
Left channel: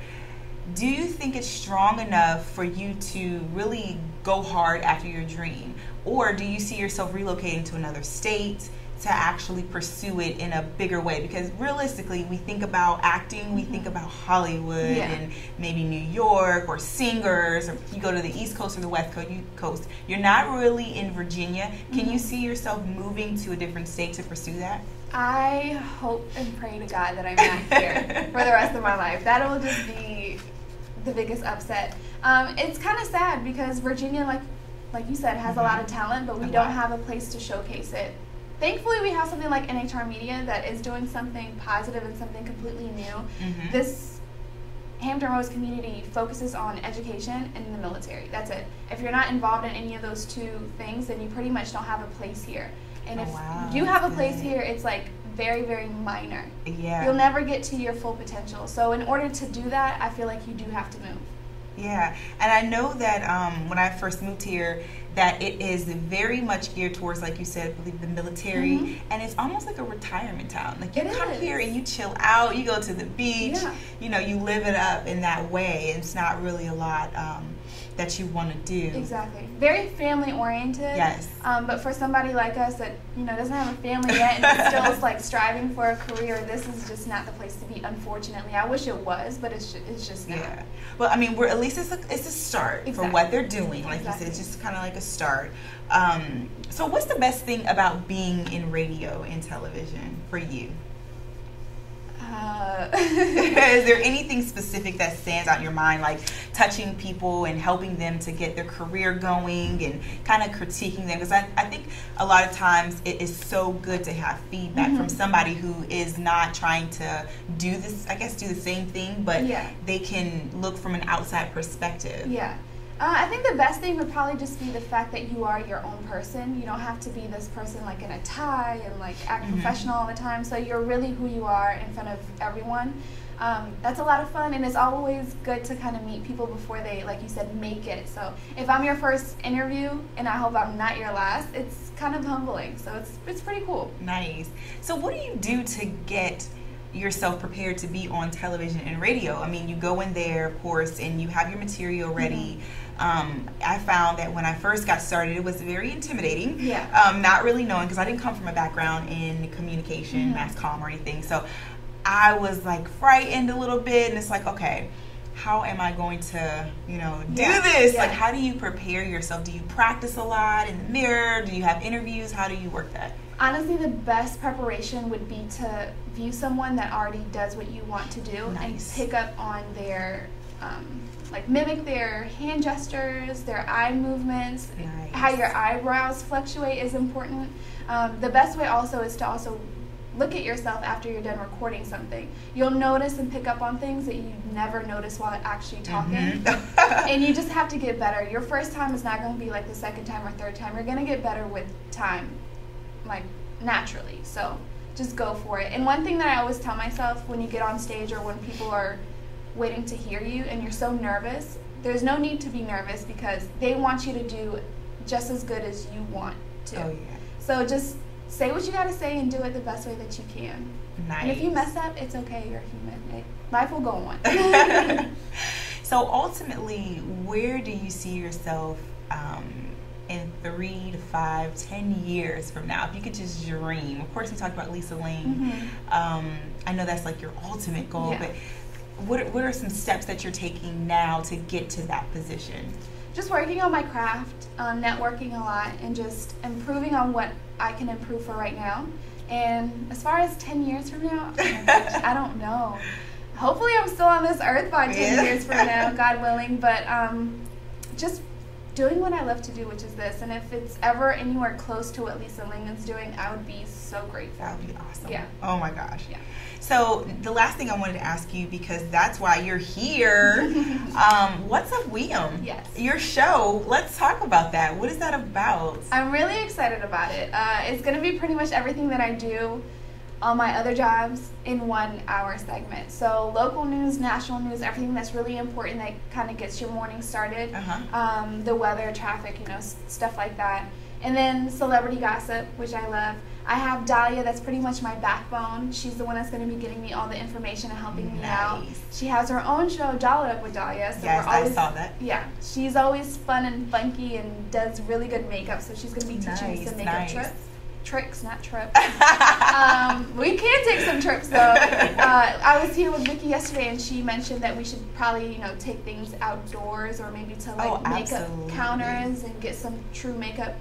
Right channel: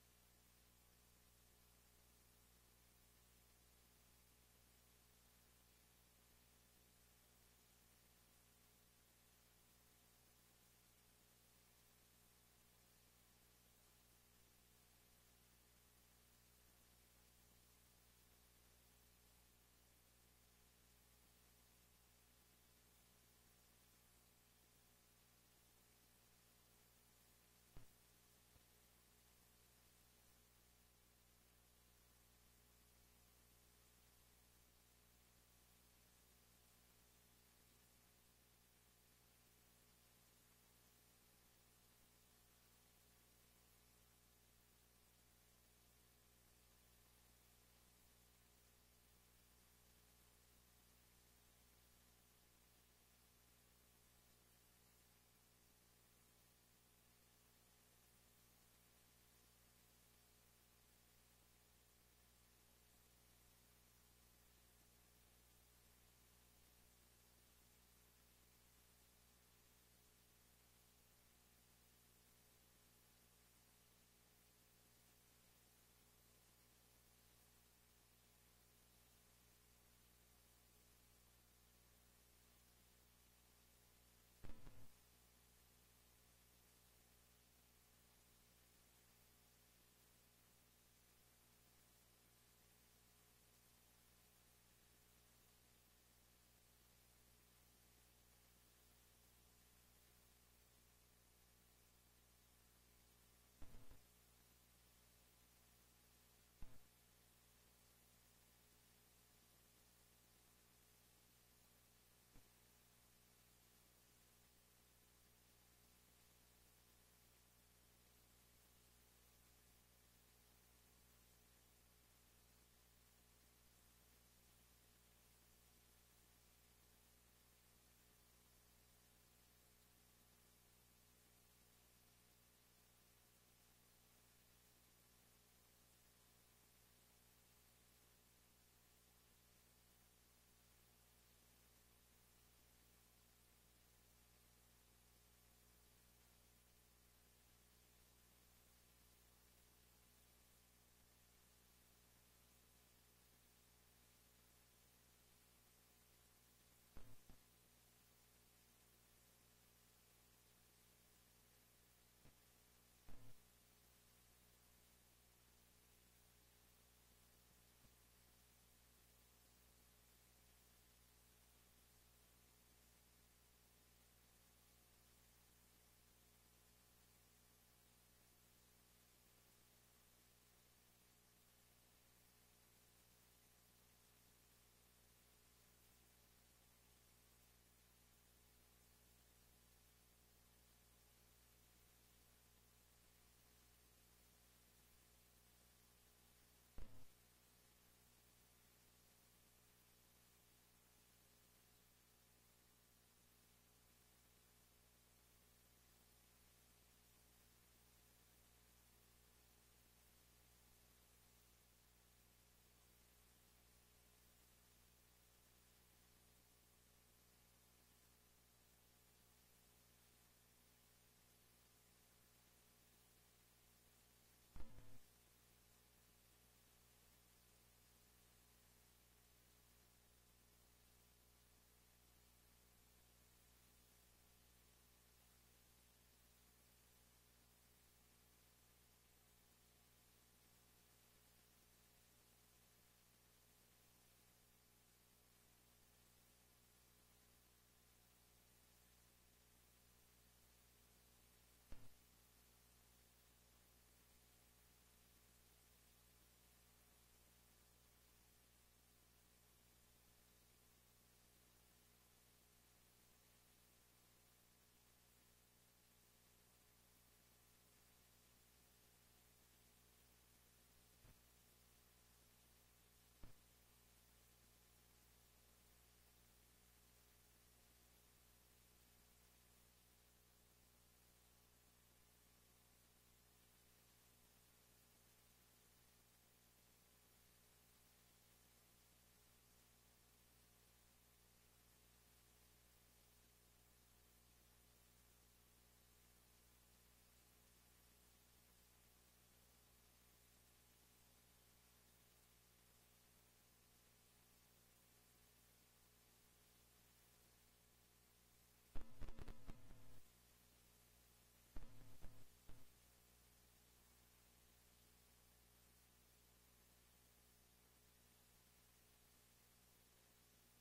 Do you think it's strong enough for you to really go hard after your dream? Or do you see yourself relocating to another state to actually pursue it in a bigger way? Because realistically, we think about acting, we think about Hollywood and maybe New York, or singers, or you go to the East Coast or the West Coast. You're not really in Virginia. Can you see yourself moving to a different state to pursue that? I hope and pray to God that I'm not here for the rest of my life. That will just be the biggest upset. It's kind of sad because Virginia, like you said, has a lot of talent, but we don't have a place to showcase it. Thankfully, we have something like NHR Media that is doing something positive and something completely new. This Hampton Roads community focuses on education and the military. That's it. If you're not involved in any of those two things, then you pretty much don't have a place here. And if you have a place here, it's like very, very minor. Yeah. You'll never get to your full potential. So in order to do that, I feel like you do have to move. Yeah, and I know that when I first moved here, that it is very much geared towards, like you said, I believe the military, and it's almost like a retirement town. Like you come here and you chill out, you go to the beach, you know, you live it up in that way. It's not really a lot that you want to do. Exactly. Very family oriented. Yes. But for somebody like us that, you know, doesn't have a family yet and still is like striving for a career, this is just not the place to be, unfortunately. I wish it was, but it's just not. Yeah. Well, I mean, we're at least it's a start for what they're doing. Like you said, it's just kind of like a start. So what's the best thing about being in radio and television for you? Is there anything specific that stands out in your mind, like touching people and helping them to get their career going and kind of critiquing them? Because I think a lot of times it is so good to have feedback from somebody who is not trying to do this, I guess, do the same thing, but they can look from an outside perspective. Yeah. I think the best thing would probably just be the fact that you are your own person. You don't have to be this person like in a tie and like act professional all the time. So you're really who you are in front of everyone. That's a lot of fun, and it's always good to kind of meet people before they, like you said, make it. So if I'm your first interview, and I hope I'm not your last, it's kind of humbling. So it's pretty cool. Nice. So what do you do to get yourself prepared to be on television and radio? I mean, you go in there, of course, and you have your material ready. I found that when I first got started, it was very intimidating. Yeah. Not really knowing, because I didn't come from a background in communication, mass comm, or anything. So I was like frightened a little bit, and it's like, okay, how am I going to, you know, do this? Like, how do you prepare yourself? Do you practice a lot in the mirror? Do you have interviews? How do you work that? Honestly, the best preparation would be to view someone that already does what you want to do and pick up on their, like mimic their hand gestures, their eye movements. How your eyebrows fluctuate is important. The best way also is to also look at yourself after you're done recording something. You'll notice and pick up on things that you never noticed while actually talking. And you just have to get better. Your first time is not going to be like the second time or third time. You're going to get better with time, like naturally. So just go for it. And one thing that I always tell myself when you get on stage or when people are waiting to hear you and you're so nervous, there's no need to be nervous because they want you to do just as good as you want to. Oh, yeah. So just say what you got to say and do it the best way that you can. Nice. And if you mess up, it's okay. You're human. Life will go on. So ultimately, where do you see yourself in 3 to 5, 10 years from now? If you could just dream. Of course, we talked about Lisa Lane. I know that's like your ultimate goal, but what are some steps that you're taking now to get to that position? Just working on my craft, networking a lot, and just improving on what I can improve for right now. And as far as 10 years from now, oh my gosh, I don't know. Hopefully I'm still on this earth by 10 years from now, God willing, but just doing what I love to do, which is this. And if it's ever anywhere close to what Lisa Lingon's doing, I would be so grateful. That would be awesome. Yeah. Oh my gosh. Yeah. So the last thing I wanted to ask you, because that's why you're here, what's up, William? Yes. Your show, let's talk about that. What is that about? I'm really excited about it. It's going to be pretty much everything that I do on my other jobs in 1 hour segment. So local news, national news, everything that's really important that kind of gets your morning started. The weather, traffic, you know, stuff like that. And then celebrity gossip, which I love. I have Dahlia, that's pretty much my backbone. She's the one that's going to be getting me all the information and helping me out. She has her own show, Doll It Up with Dahlia. So yes, I saw that. Yeah, she's always fun and funky and does really good makeup. So she's going to be teaching me some makeup tricks, not trips. We can take some trips though. I was here with Vicky yesterday, and she mentioned that we should probably, you know, take things outdoors or maybe to like makeup counters and get some true makeup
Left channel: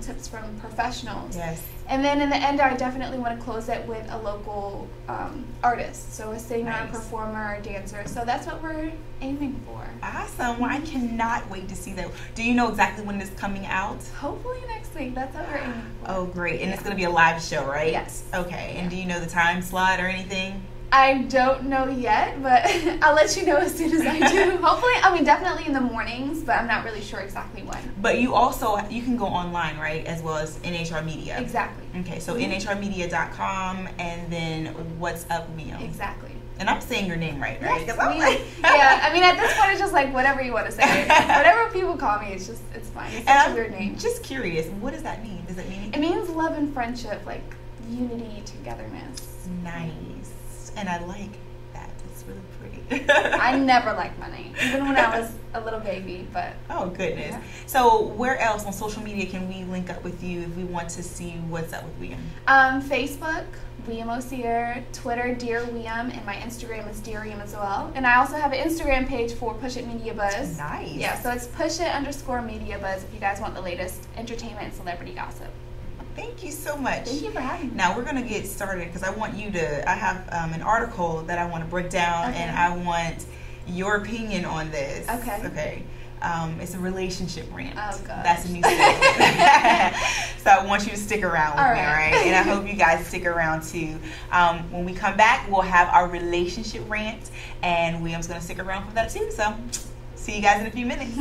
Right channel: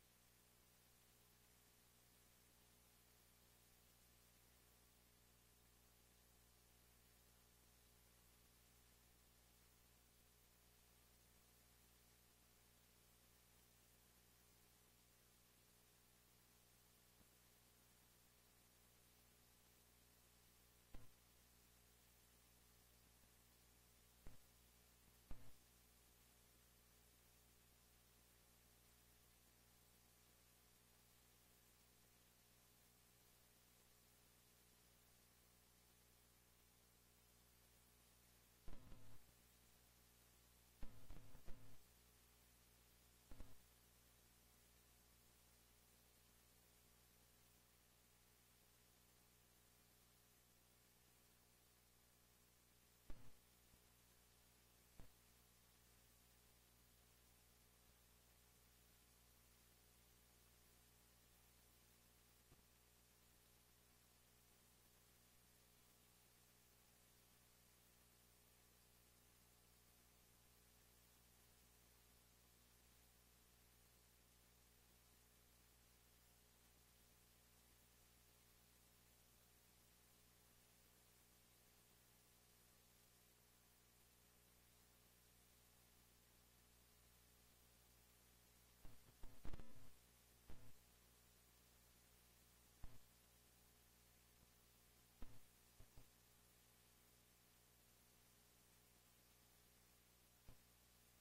tips from professionals. Yes. And then in the end, I definitely want to close it with a local artist, so a singer, a performer, or dancer. So that's what we're aiming for. Awesome. Well, I cannot wait to see that. Do you know exactly when it's coming out? Hopefully next week. That's what we're aiming for. Oh, great. And it's going to be a live show, right? Yes. Okay. And do you know the time slot or anything? I don't know yet, but I'll let you know as soon as I do. Hopefully, I mean, definitely in the mornings, but I'm not really sure exactly when. But you can go online, right, as well as NHR Media. Exactly. Okay, so nhrmedia.com, and then What's Up, William. Exactly. And I'm saying your name right? Yes, yeah, I mean, at this point, it's just like whatever you want to say. Whatever people call me, it's fine. It's such a weird name. Just curious, what does that mean? Does it mean? It means love and friendship, like unity, togetherness. Nice. And I like that. It's really pretty. I never liked my name, even when I was a little baby. But oh goodness! Yeah. So where else on social media can we link up with you if we want to see what's up with William? Facebook, William Osier, Twitter, Dear William, and my Instagram is Dear William as well. And I also have an Instagram page for Push It Media Buzz. Nice. Yeah, so it's Push It_Media Buzz if you guys want the latest entertainment and celebrity gossip. Thank you so much. Thank you for having me. Now we're going to get started because I have an article that I want to break down, and I want your opinion on this. Okay. It's a relationship rant. Oh, gosh. That's a new segment. So I want you to stick around with me, all right? And I hope you guys stick around too. When we come back, we'll have our relationship rant, and William's going to stick around for that too. So see you guys in a few minutes.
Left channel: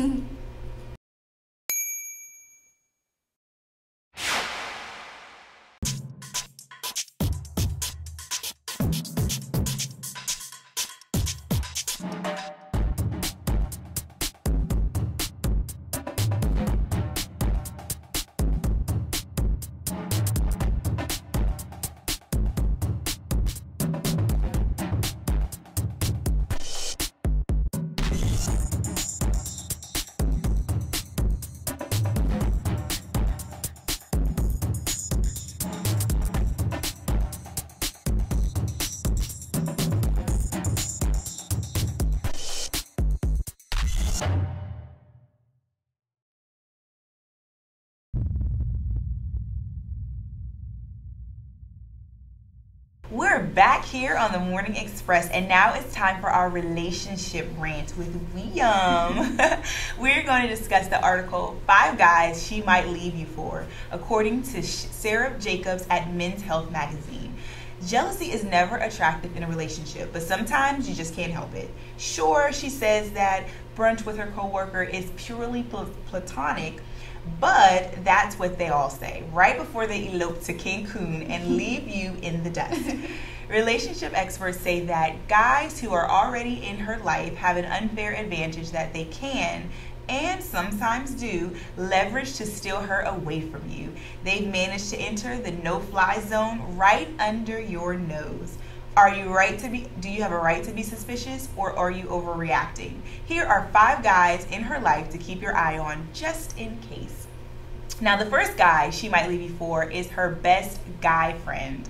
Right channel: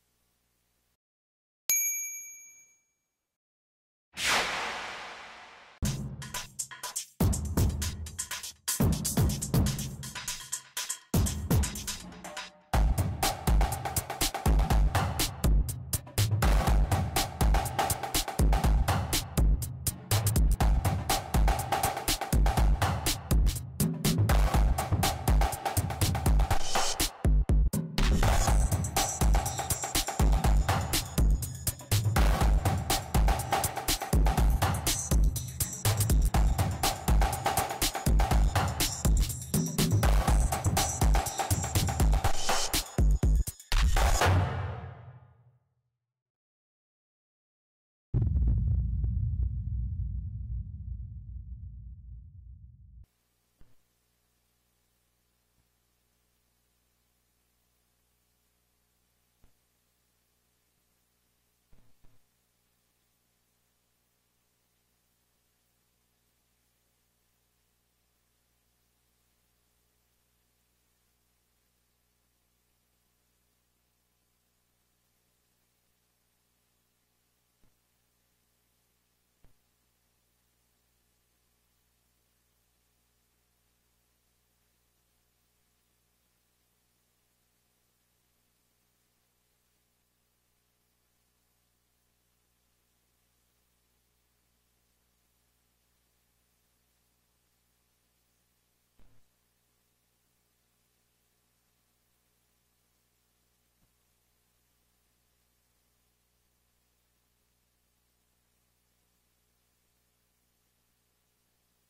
We're back here on the Morning Express, and now it's time for our relationship rant with William. We're going to discuss the article, 5 Guys She Might Leave You For, according to Sarah Jacobs at Men's Health magazine. Jealousy is never attractive in a relationship, but sometimes you just can't help it. Sure, she says that brunch with her coworker is purely platonic, but that's what they all say, right before they elope to Cancun and leave you in the dust. Relationship experts say that guys who are already in her life have an unfair advantage that they can, and sometimes do, leverage to steal her away from you. They've managed to enter the no-fly zone right under your nose. Do you have a right to be suspicious, or are you overreacting? Here are 5 guys in her life to keep your eye on, just in case. Now, the first guy she might leave you for is her best guy friend.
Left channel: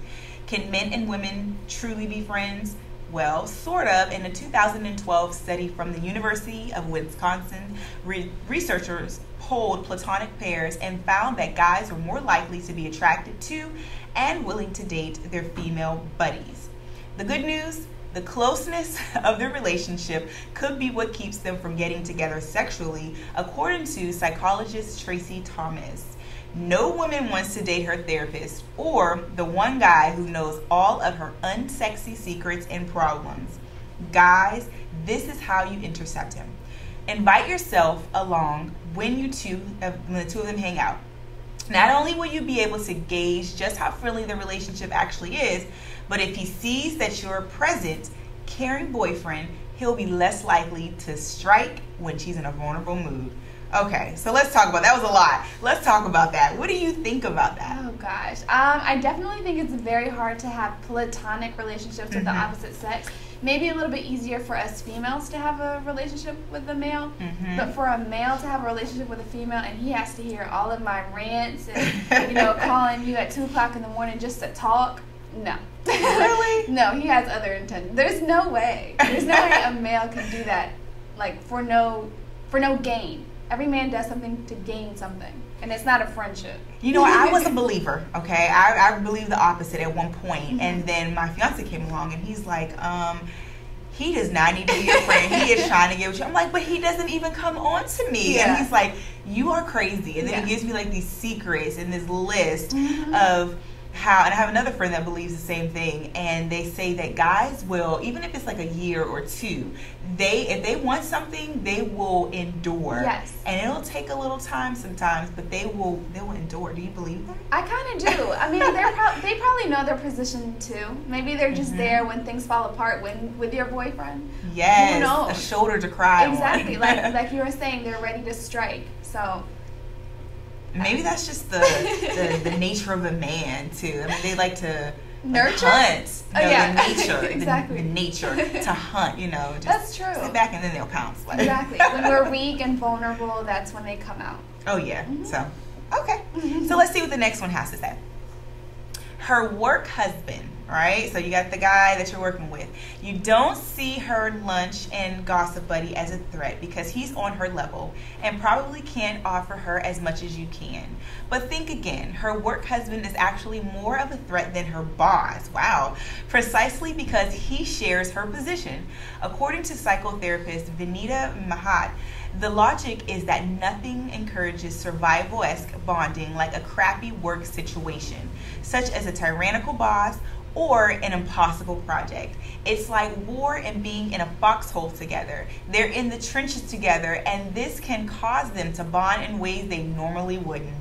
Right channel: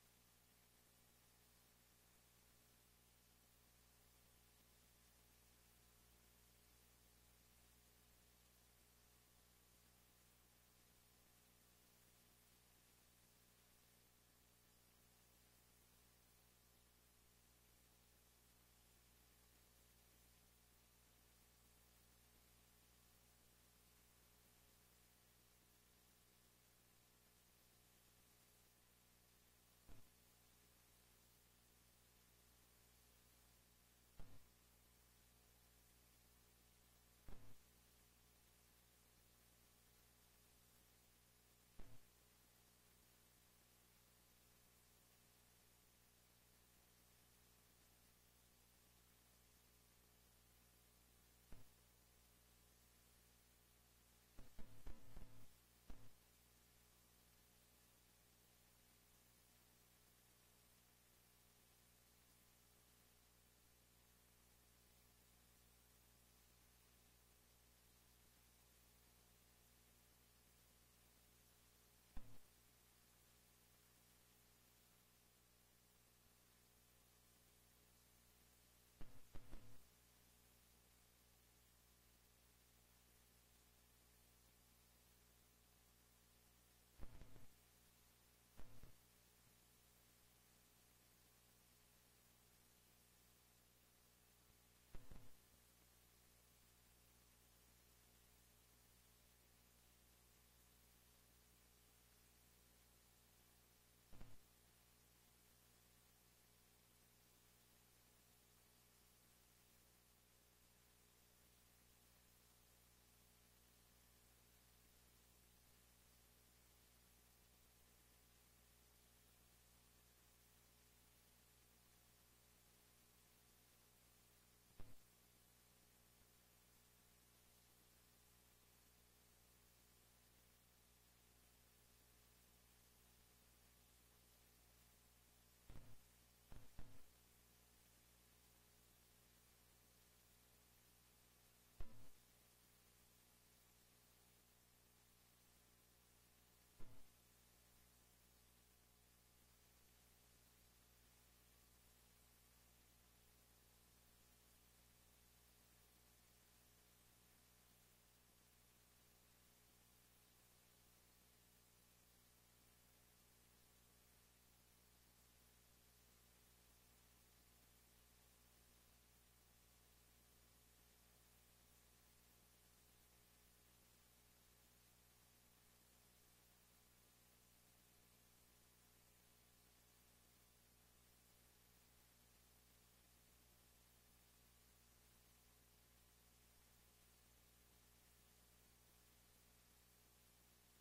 Can men and women truly be friends? Well, sort of. In a 2012 study from the University of Wisconsin, researchers polled platonic pairs and found that guys were more likely to be attracted to and willing to date their female buddies. The good news, The closeness of the relationship could be what keeps them from getting together sexually, according to psychologist Tracy Thomas. No woman wants to date her therapist or the one guy who knows all of her unsexy secrets and problems. Guys, this is how you intercept him. Invite yourself along when the two of them hang out. Not only will you be able to gauge just how friendly the relationship actually is, but if he sees that you're a present, caring boyfriend, he'll be less likely to strike when she's in a vulnerable mood. Okay, so let's talk about that. That was a lot. Let's talk about that. What do you think about that? Oh gosh, I definitely think it's very hard to have platonic relationships with the opposite sex. Maybe a little bit easier for us females to have a relationship with the male, but for a male to have a relationship with a female and he has to hear all of my rants and calling you at 2 o'clock in the morning just to talk, no. Really? No, he has other intentions. There's no way a male can do that, like for no gain. Every man does something to gain something, and it's not a friendship. You know, I was a believer, okay? I believed the opposite at one point, and then my fiance came along, and he's like, he does not need to be your friend. He is trying to get with you. I'm like, but he doesn't even come on to me. Yeah. And he's like, you are crazy. And then he gives me like these secrets and this list of how, and I have another friend that believes the same thing, and they say that guys will, even if it's like a year or two, if they want something, they will endure. Yes. And it'll take a little time sometimes, but they will endure. Do you believe that? I kind of do. I mean, they probably know their position too. Maybe they're just there when things fall apart with your boyfriend. Yes. Who knows? A shoulder to cry on. Exactly. like you were saying, they're ready to strike. So maybe that's just the nature of a man too. I mean, they like to nurture, hunt. No, yeah. the nature, Exactly. the nature to hunt. Just that's true. Sit back and then they'll pounce. Exactly. When we're weak and vulnerable, that's when they come out. Oh yeah. So okay. So let's see what the next one has to say. Her work husband. Right? So you got the guy that you're working with. You don't see her lunch and gossip buddy as a threat because he's on her level and probably can't offer her as much as you can. But think again, her work husband is actually more of a threat than her boss. Wow. Precisely because he shares her position. According to psychotherapist Vinita Mahat, the logic is that nothing encourages survival-esque bonding like a crappy work situation, such as a tyrannical boss or an impossible project. It's like war and being in a foxhole together. They're in the trenches together, and this can cause them to bond in ways they normally wouldn't.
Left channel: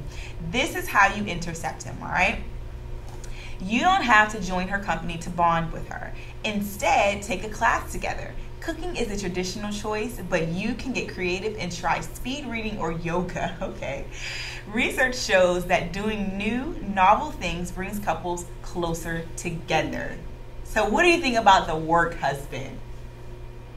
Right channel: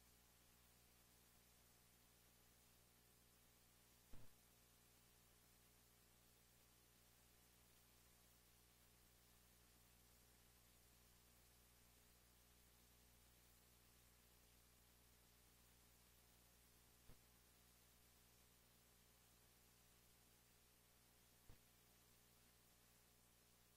This is how you intercept him, all right? You don't have to join her company to bond with her. Instead, take a class together. Cooking is a traditional choice, but you can get creative and try speed reading or yoga, okay? Research shows that doing new, novel things brings couples closer together. So what do you think about the work husband?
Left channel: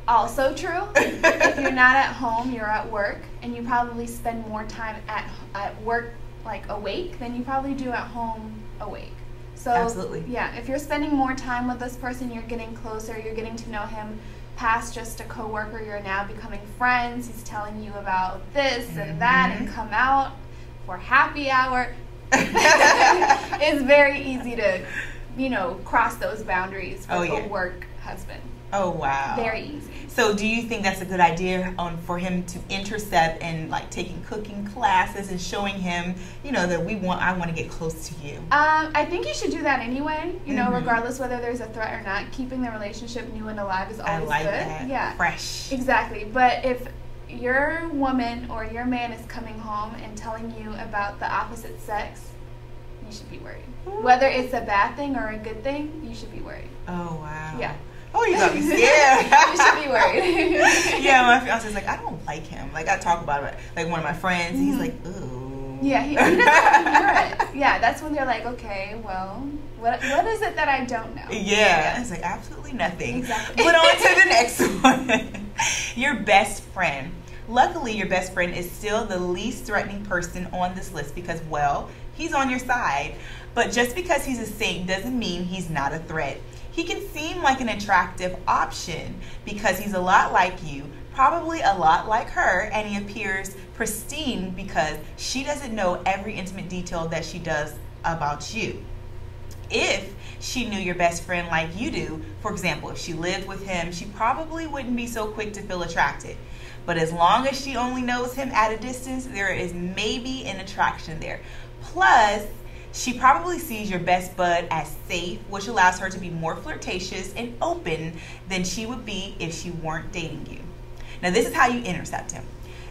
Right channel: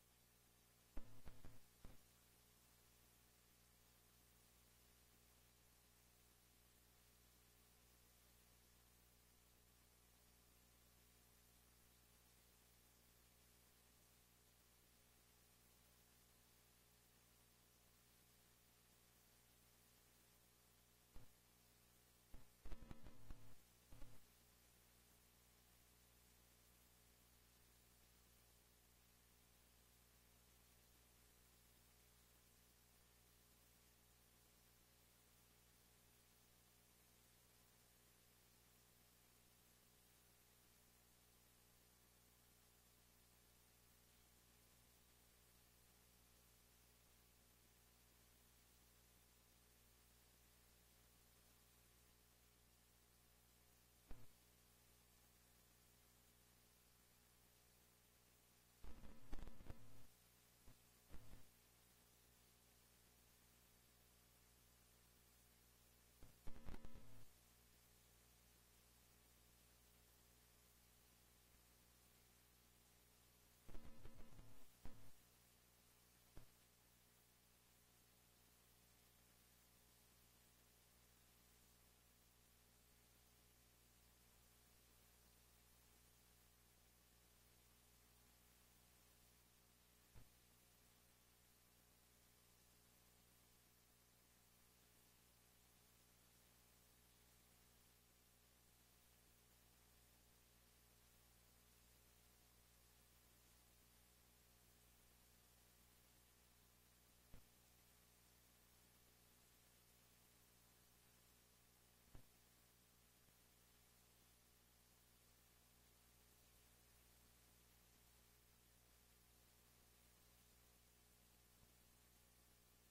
Also true. If you're not at home, you're at work, and you probably spend more time at work like awake than you probably do at home awake. So absolutely. Yeah, if you're spending more time with this person, you're getting closer, you're getting to know him past just a coworker, you're now becoming friends. He's telling you about this and that and come out for happy hour. It's very easy to, cross those boundaries with a work husband. Oh, wow. Very easy. So do you think that's a good idea for him to intercept and like taking cooking classes and showing him, that I want to get close to you? I think you should do that anyway, regardless whether there's a threat or not. Keeping the relationship new and alive is always good. That. Yeah. Fresh. Exactly. But if your woman or your man is coming home and telling you about the opposite sex, you should be worried. Whether it's a bad thing or a good thing, you should be worried. Oh, wow. Yeah. Oh, you got me scared. You should be worried. Yeah, my fiance's like, I don't like him. Like, I talk about it. Like, one of my friends, he's like, ooh. Yeah, he doesn't hear it. Yeah, that's when they're like, okay, well, what is it that I don't know? Yeah. It's like, absolutely nothing. Exactly. But on to the next one. Your best friend. Luckily, your best friend is still the least threatening person on this list because, well, he's on your side. But just because he's a saint doesn't mean he's not a threat. He can seem like an attractive option because he's a lot like you, probably a lot like her, and he appears pristine because she doesn't know every intimate detail that she does about you. if she knew your best friend like you do, for example, if she lived with him, she probably wouldn't be so quick to feel attracted. But as long as she only knows him at a distance, there is maybe an attraction there. Plus, she probably sees your best bud as safe, which allows her to be more flirtatious and open than she would be if she weren't dating you. Now, this is how you intercept him.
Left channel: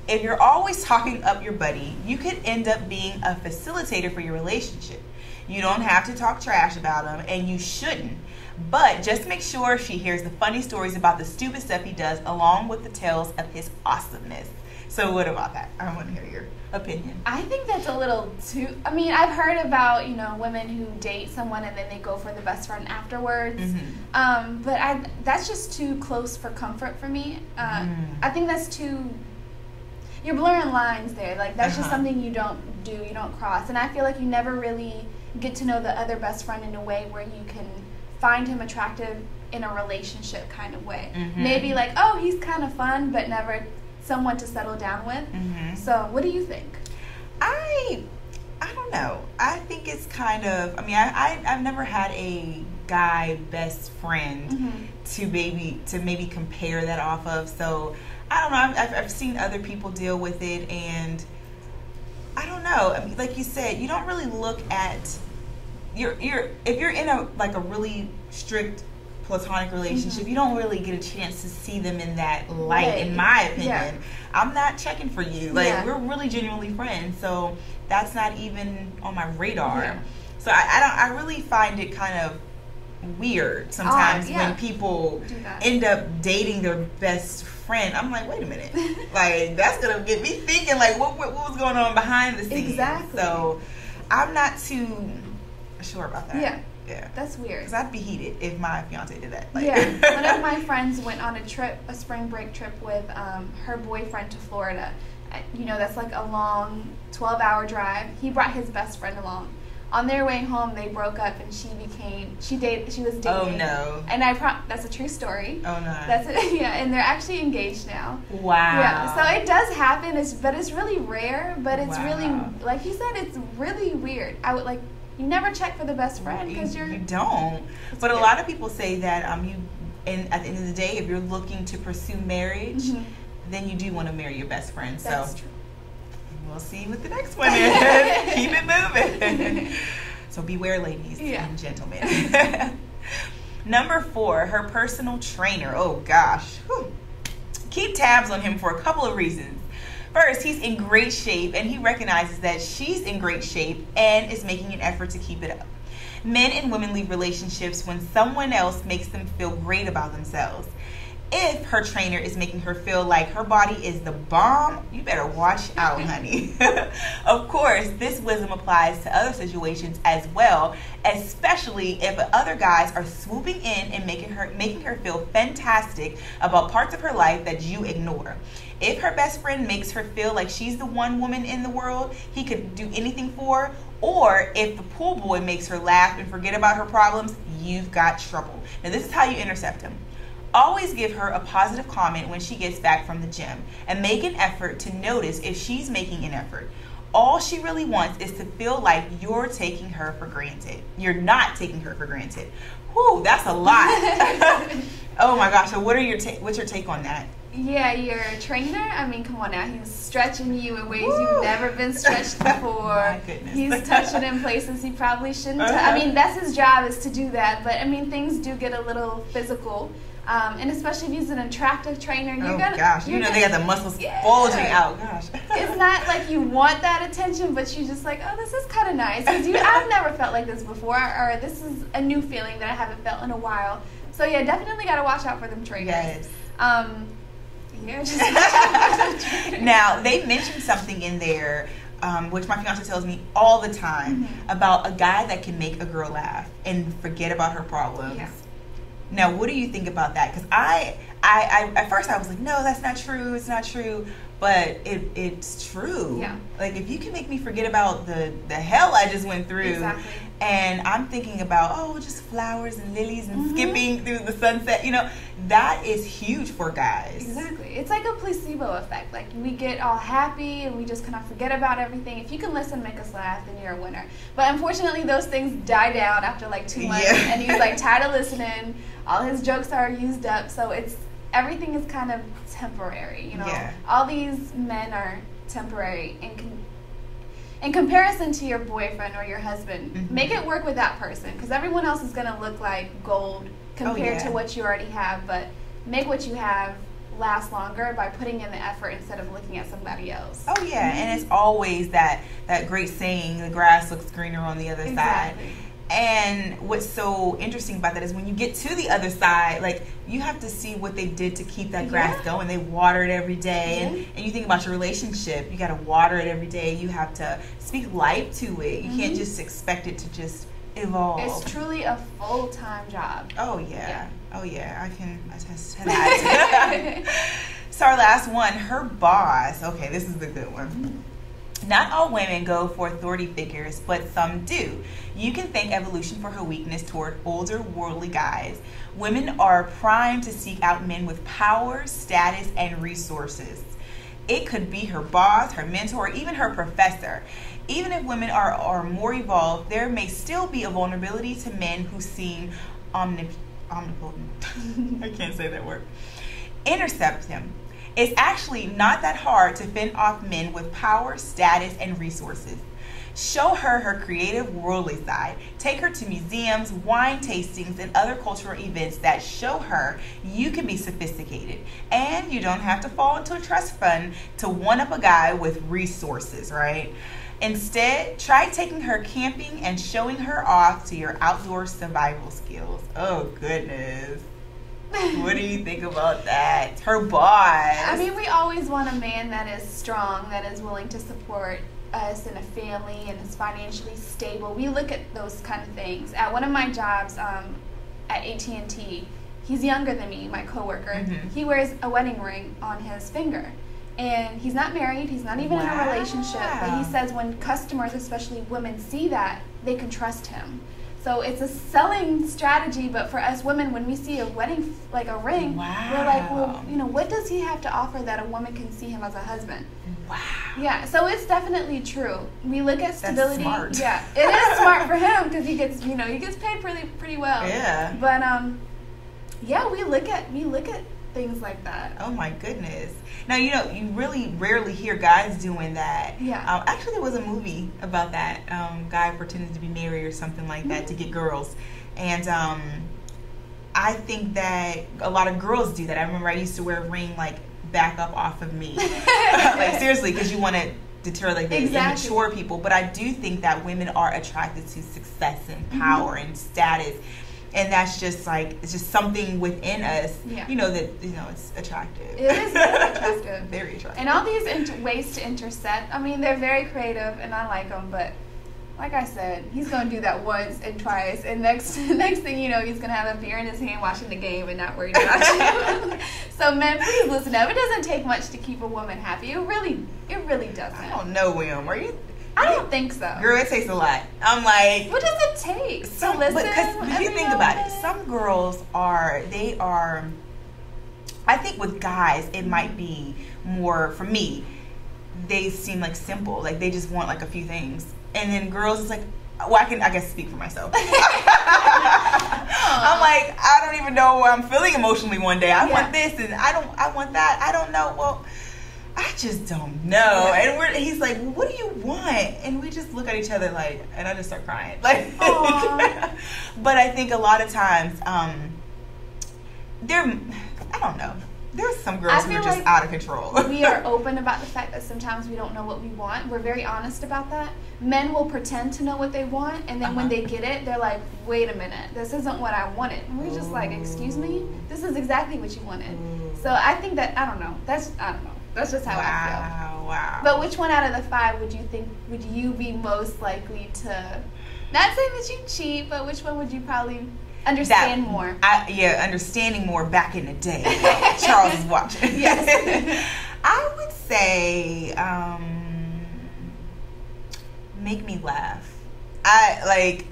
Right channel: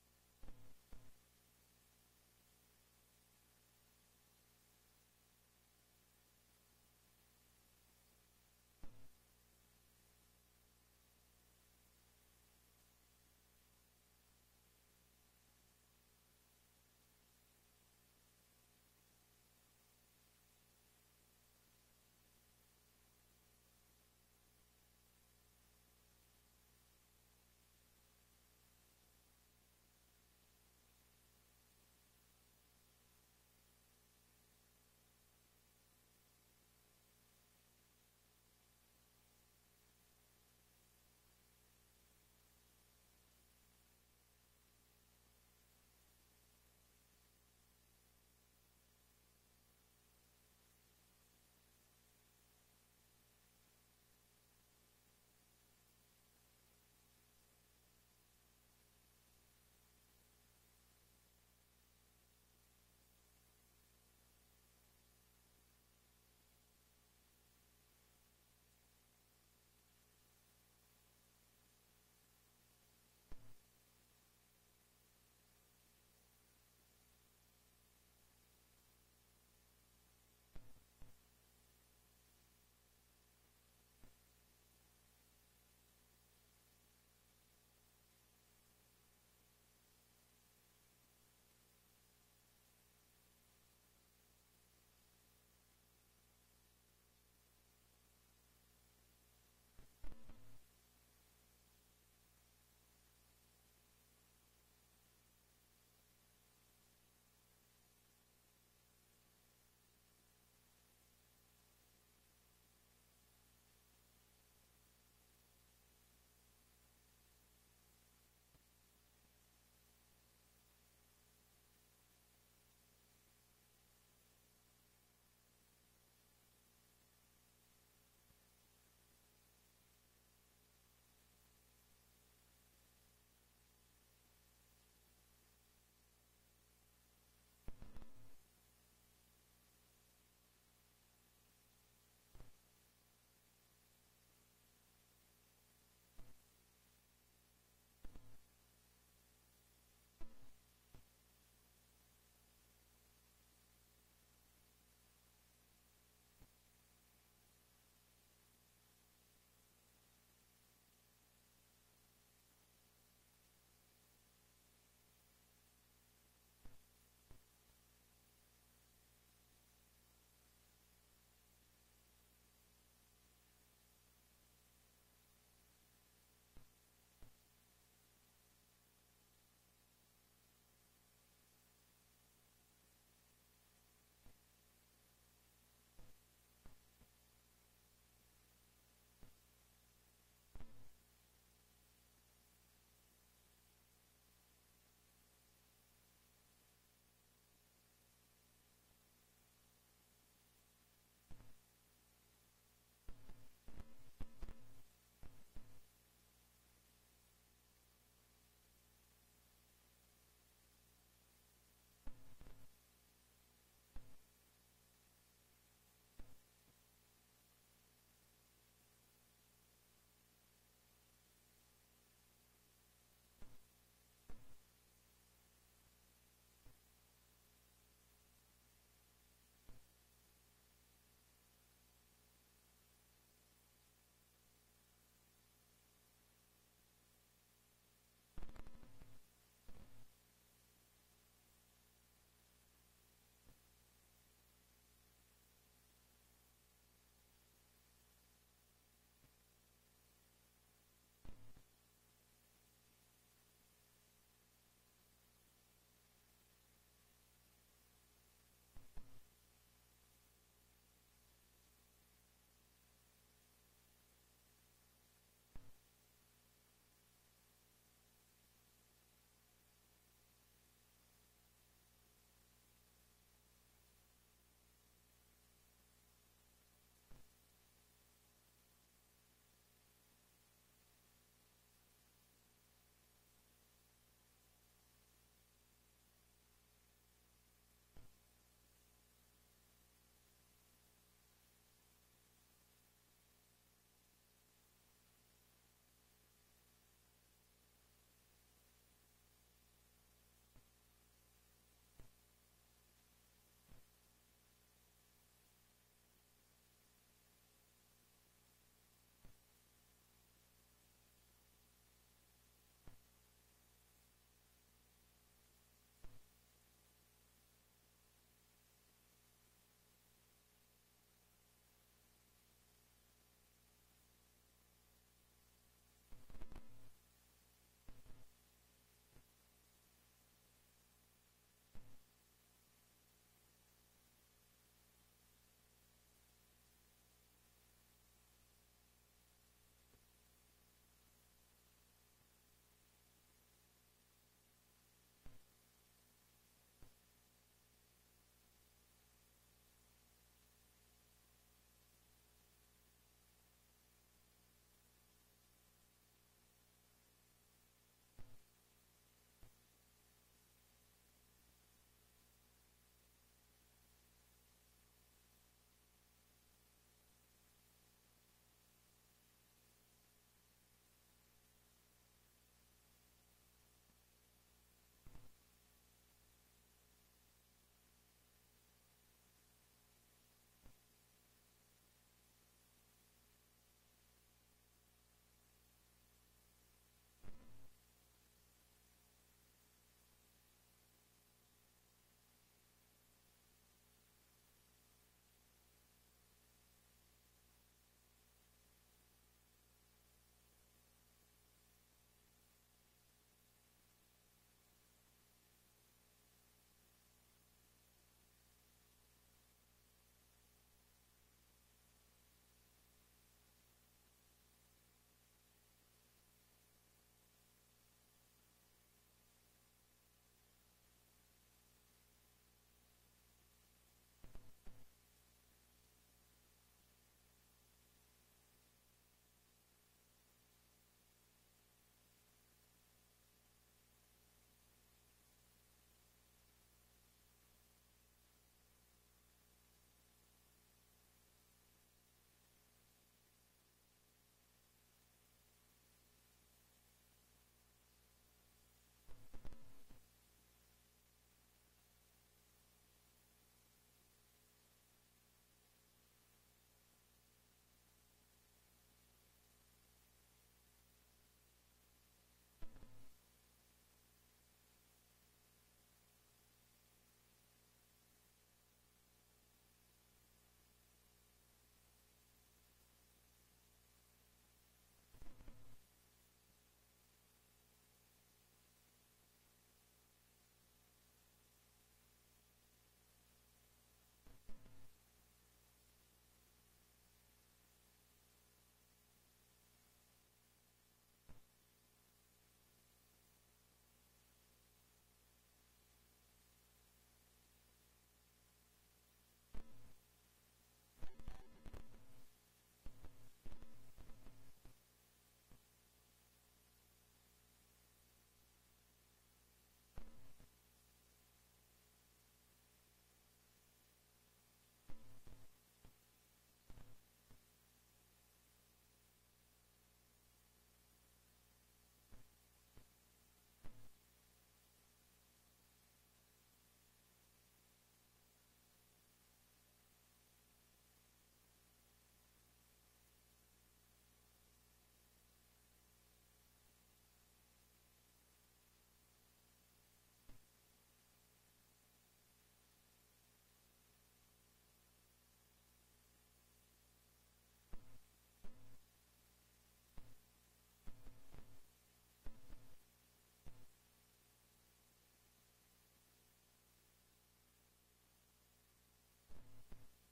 If you're always talking up your buddy, you could end up being a facilitator for your relationship. You don't have to talk trash about him, and you shouldn't. But just make sure she hears the funny stories about the stupid stuff he does, along with the tales of his awesomeness. So what about that? I want to hear your opinion. I think that's a little too, I mean, I've heard about, women who date someone and then they go for the best friend afterwards. But that's just too close for comfort for me. I think that's too, you're blurring lines there. Like, that's just something you don't do, you don't cross. And I feel like you never really get to know the other best friend in a way where you can find him attractive in a relationship kind of way. Maybe like, oh, he's kind of fun, but never someone to settle down with. So what do you think? I don't know. I think it's kind of, I've never had a guy best friend to maybe compare that off of. So I don't know. I've seen other people deal with it, and I don't know. I mean, like you said, you don't really look at if you're in a really strict platonic relationship, you don't really get a chance to see them in that light, in my opinion. I'm not checking for you. Like, we're really genuinely friends, so that's not even on my radar. So I really find it kind of weird sometimes when people end up dating their best friend. I'm like, wait a minute. Like, that's gonna get me thinking, like, what was going on behind the scenes? Exactly. So I'm not too sure about that. Yeah, that's weird. Because I'd be heated if my fiance did that. Like. One of my friends went on a spring break trip with her boyfriend to Florida. That's like a long 12-hour drive. He brought his best friend along. On their way home, they broke up, and she was dating. Oh no! And that's a true story. Oh no! And they're actually engaged now. Wow. Yeah, so it does happen. But it's really rare. But it's really, like you said, it's really weird. I would like. You never check for the best friend because you don't. But weird. A lot of people say that at the end of the day, if you're looking to pursue marriage, then you do want to marry your best friend. That's true. We'll see what the next one is. Keep it moving. So beware, ladies and gentlemen. Number 4, her personal trainer. Oh gosh. Whew. Keep tabs on him for a couple of reasons. First, he's in great shape, and he recognizes that she's in great shape and is making an effort to keep it up. Men and women leave relationships when someone else makes them feel great about themselves. If her trainer is making her feel like her body is the bomb, you better watch out, honey. Of course, this wisdom applies to other situations as well, especially if other guys are swooping in and making her feel fantastic about parts of her life that you ignore. If her best friend makes her feel like she's the one woman in the world he could do anything for, or if the pool boy makes her laugh and forget about her problems, you've got trouble. Now, this is how you intercept him. Always give her a positive comment when she gets back from the gym, and make an effort to notice if she's making an effort. All she really wants is to feel like you're taking her for granted. You're not taking her for granted. Whew, that's a lot. Oh my gosh, so what's your take on that? Yeah, your trainer, I mean, come on now. He's stretching you in ways you've never been stretched before. My goodness. He's touching in places he probably shouldn't. I mean, that's his job, is to do that. But, I mean, things do get a little physical. And especially if he's an attractive trainer. They got the muscles bulging out. Gosh. It's not like you want that attention, but you're just like, oh, this is kind of nice. Because I've never felt like this before, or this is a new feeling that I haven't felt in a while. So, yeah, definitely got to watch out for them trainers. Yes. Now, they mentioned something in there, which my fiance tells me all the time, about a guy that can make a girl laugh and forget about her problems. Yeah. Now, what do you think about that? Because I at first I was like, no, that's not true. It's not true. but it's true. Yeah. Like, if you can make me forget about the hell I just went through, Exactly. and I'm thinking about, just flowers and lilies and skipping through the sunset, that is huge for guys. Exactly. It's like a placebo effect. Like, we get all happy and we just kind of forget about everything. If you can listen, make us laugh, then you're a winner. But unfortunately, those things die down after like 2 months, and he's like tired of listening. All his jokes are used up, so everything is kind of temporary. Yeah. All these men are temporary in comparison to your boyfriend or your husband. Make it work with that person, because everyone else is going to look like gold compared to what you already have. But make what you have last longer by putting in the effort instead of looking at somebody else. Oh yeah, and it's always that great saying, the grass looks greener on the other side. And what's so interesting about that is when you get to the other side, like, you have to see what they did to keep that grass going. They water it every day. And you think about your relationship, you got to water it every day. You have to speak life to it. You can't just expect it to just evolve. It's truly a full-time job. Oh yeah. Oh yeah, I can attest to that. So our last one, her boss. Okay, this is the good one. Not all women go for authority figures, but some do. You can thank evolution for her weakness toward older, worldly guys. Women are primed to seek out men with power, status, and resources. It could be her boss, her mentor, or even her professor. Even if women are more evolved, there may still be a vulnerability to men who seem omnipotent. I can't say that word. Intercept him. It's actually not that hard to fend off men with power, status, and resources. Show her her creative, worldly side. Take her to museums, wine tastings, and other cultural events that show her you can be sophisticated. And you don't have to fall into a trust fund to one-up a guy with resources, right? Instead, try taking her camping and showing her off to your outdoor survival skills. Oh, goodness. What do you think about that? Her boss. I mean, we always want a man that is strong, that is willing to support us and a family and is financially stable. We look at those kind of things. At one of my jobs at AT&T, he's younger than me, my coworker. He wears a wedding ring on his finger. And he's not married, he's not even in a relationship, but he says when customers, especially women, see that, they can trust him. So it's a selling strategy, but for us women, when we see a wedding, like a ring, we're like, well, what does he have to offer that a woman can see him as a husband? Wow. Yeah, so it's definitely true. We look at stability. That's smart. Yeah, it is smart for him because he gets, he gets paid pretty well. Yeah. But yeah, we look at things like that. Oh my goodness. Now, you really rarely hear guys doing that. Yeah. Actually, there was a movie about that. Guy pretended to be married or something like that to get girls. And I think that a lot of girls do that. I remember I used to wear a ring, like, back up off of me. Like, seriously, because you want to deter, like, the immature people. But I do think that women are attracted to success and power and status. And that's just like, it's just something within us, that, it's attractive. It is very attractive. Very attractive. And all these ways to intercept, I mean, they're very creative and I like them, but like I said, he's going to do that once and twice, and next thing you know, he's going to have a beer in his hand watching the game and not worried about you. So men, please listen up. It doesn't take much to keep a woman happy. It really doesn't. I don't know, William. Are you? I don't think so. Girl, it takes a lot. I'm like... What does it take to listen? Because if you think about it, some girls are... I think with guys, it might be more... For me, they seem like simple. Like, they just want, like, a few things. And then girls, it's like... Well, I guess speak for myself. I'm like, I don't even know where I'm feeling emotionally one day. I want this, and I want that. I don't know. Well... I just don't know. And he's like, well, what do you want? And we just look at each other like, and I just start crying. Like, but I think a lot of times, I don't know. There's some girls who are just out of control. We are open about the fact that sometimes we don't know what we want. We're very honest about that. Men will pretend to know what they want, and then when they get it, they're like, wait a minute, this isn't what I wanted. And we're just like, excuse me? This is exactly what you wanted. So I think that, I don't know. That's just how I feel. Wow. But which one out of the 5 would you be most likely to, not saying that you cheat, but which one would you probably understand more? Understanding more back in the day. Charles is watching. Yes. I would say make me laugh.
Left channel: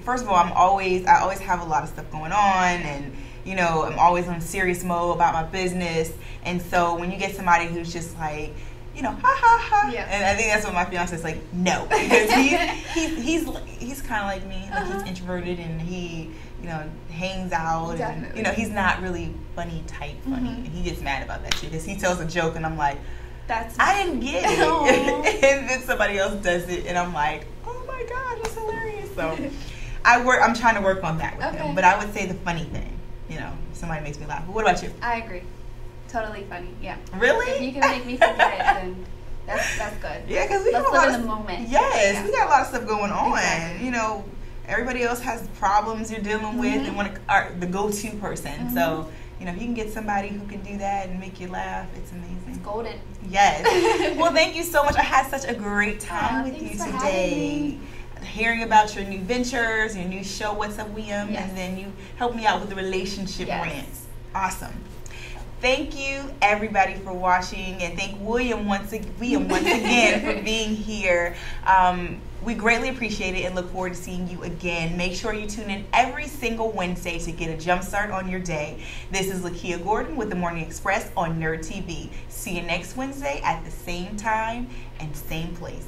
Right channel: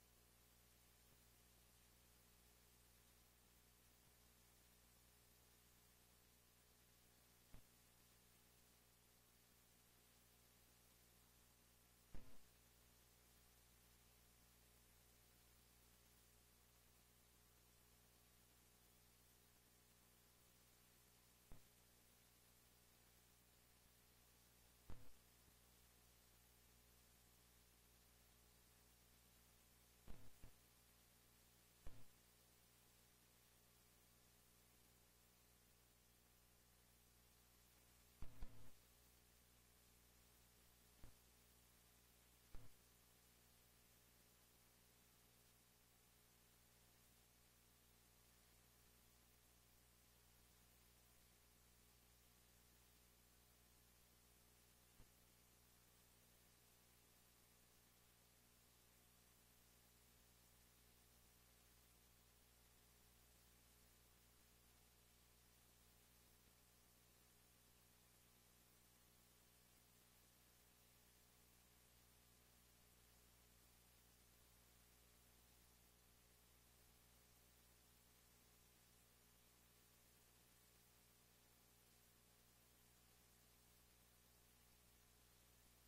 First of all, I always have a lot of stuff going on, and I'm always on serious mode about my business. And so when you get somebody who's just like, ha ha ha, yeah. And I think that's what my fiance is like, no, because he's kind of like me, like he's introverted, and he hangs out, Definitely. and he's not really funny, and he gets mad about that shit because he tells a joke and I'm like, I didn't get it. And then somebody else does it and I'm like, oh my god, that's hilarious. So I'm trying to work on that with him, but I would say the funny thing, somebody makes me laugh. But what about you? I agree. Totally funny. Yeah. Really? If you can make me forget it, then that's good. Yeah, because we Let's got a lot live of in the moment. Yes, yeah. we got a lot of stuff going on. Exactly. Everybody else has problems you're dealing with, and are the go-to person. So, if you can get somebody who can do that and make you laugh, it's amazing. It's golden. Yes. Well, thank you so much. I had such a great time with you for today. Hearing about your new ventures, your new show, What's Up, William, yes. and then you helped me out with the relationship rants. Awesome. Thank you, everybody, for watching, and thank William once again for being here. We greatly appreciate it and look forward to seeing you again. Make sure you tune in every single Wednesday to get a jump start on your day. This is Lakia Gordon with the Morning Express on Nerd TV. See you next Wednesday at the same time and same place.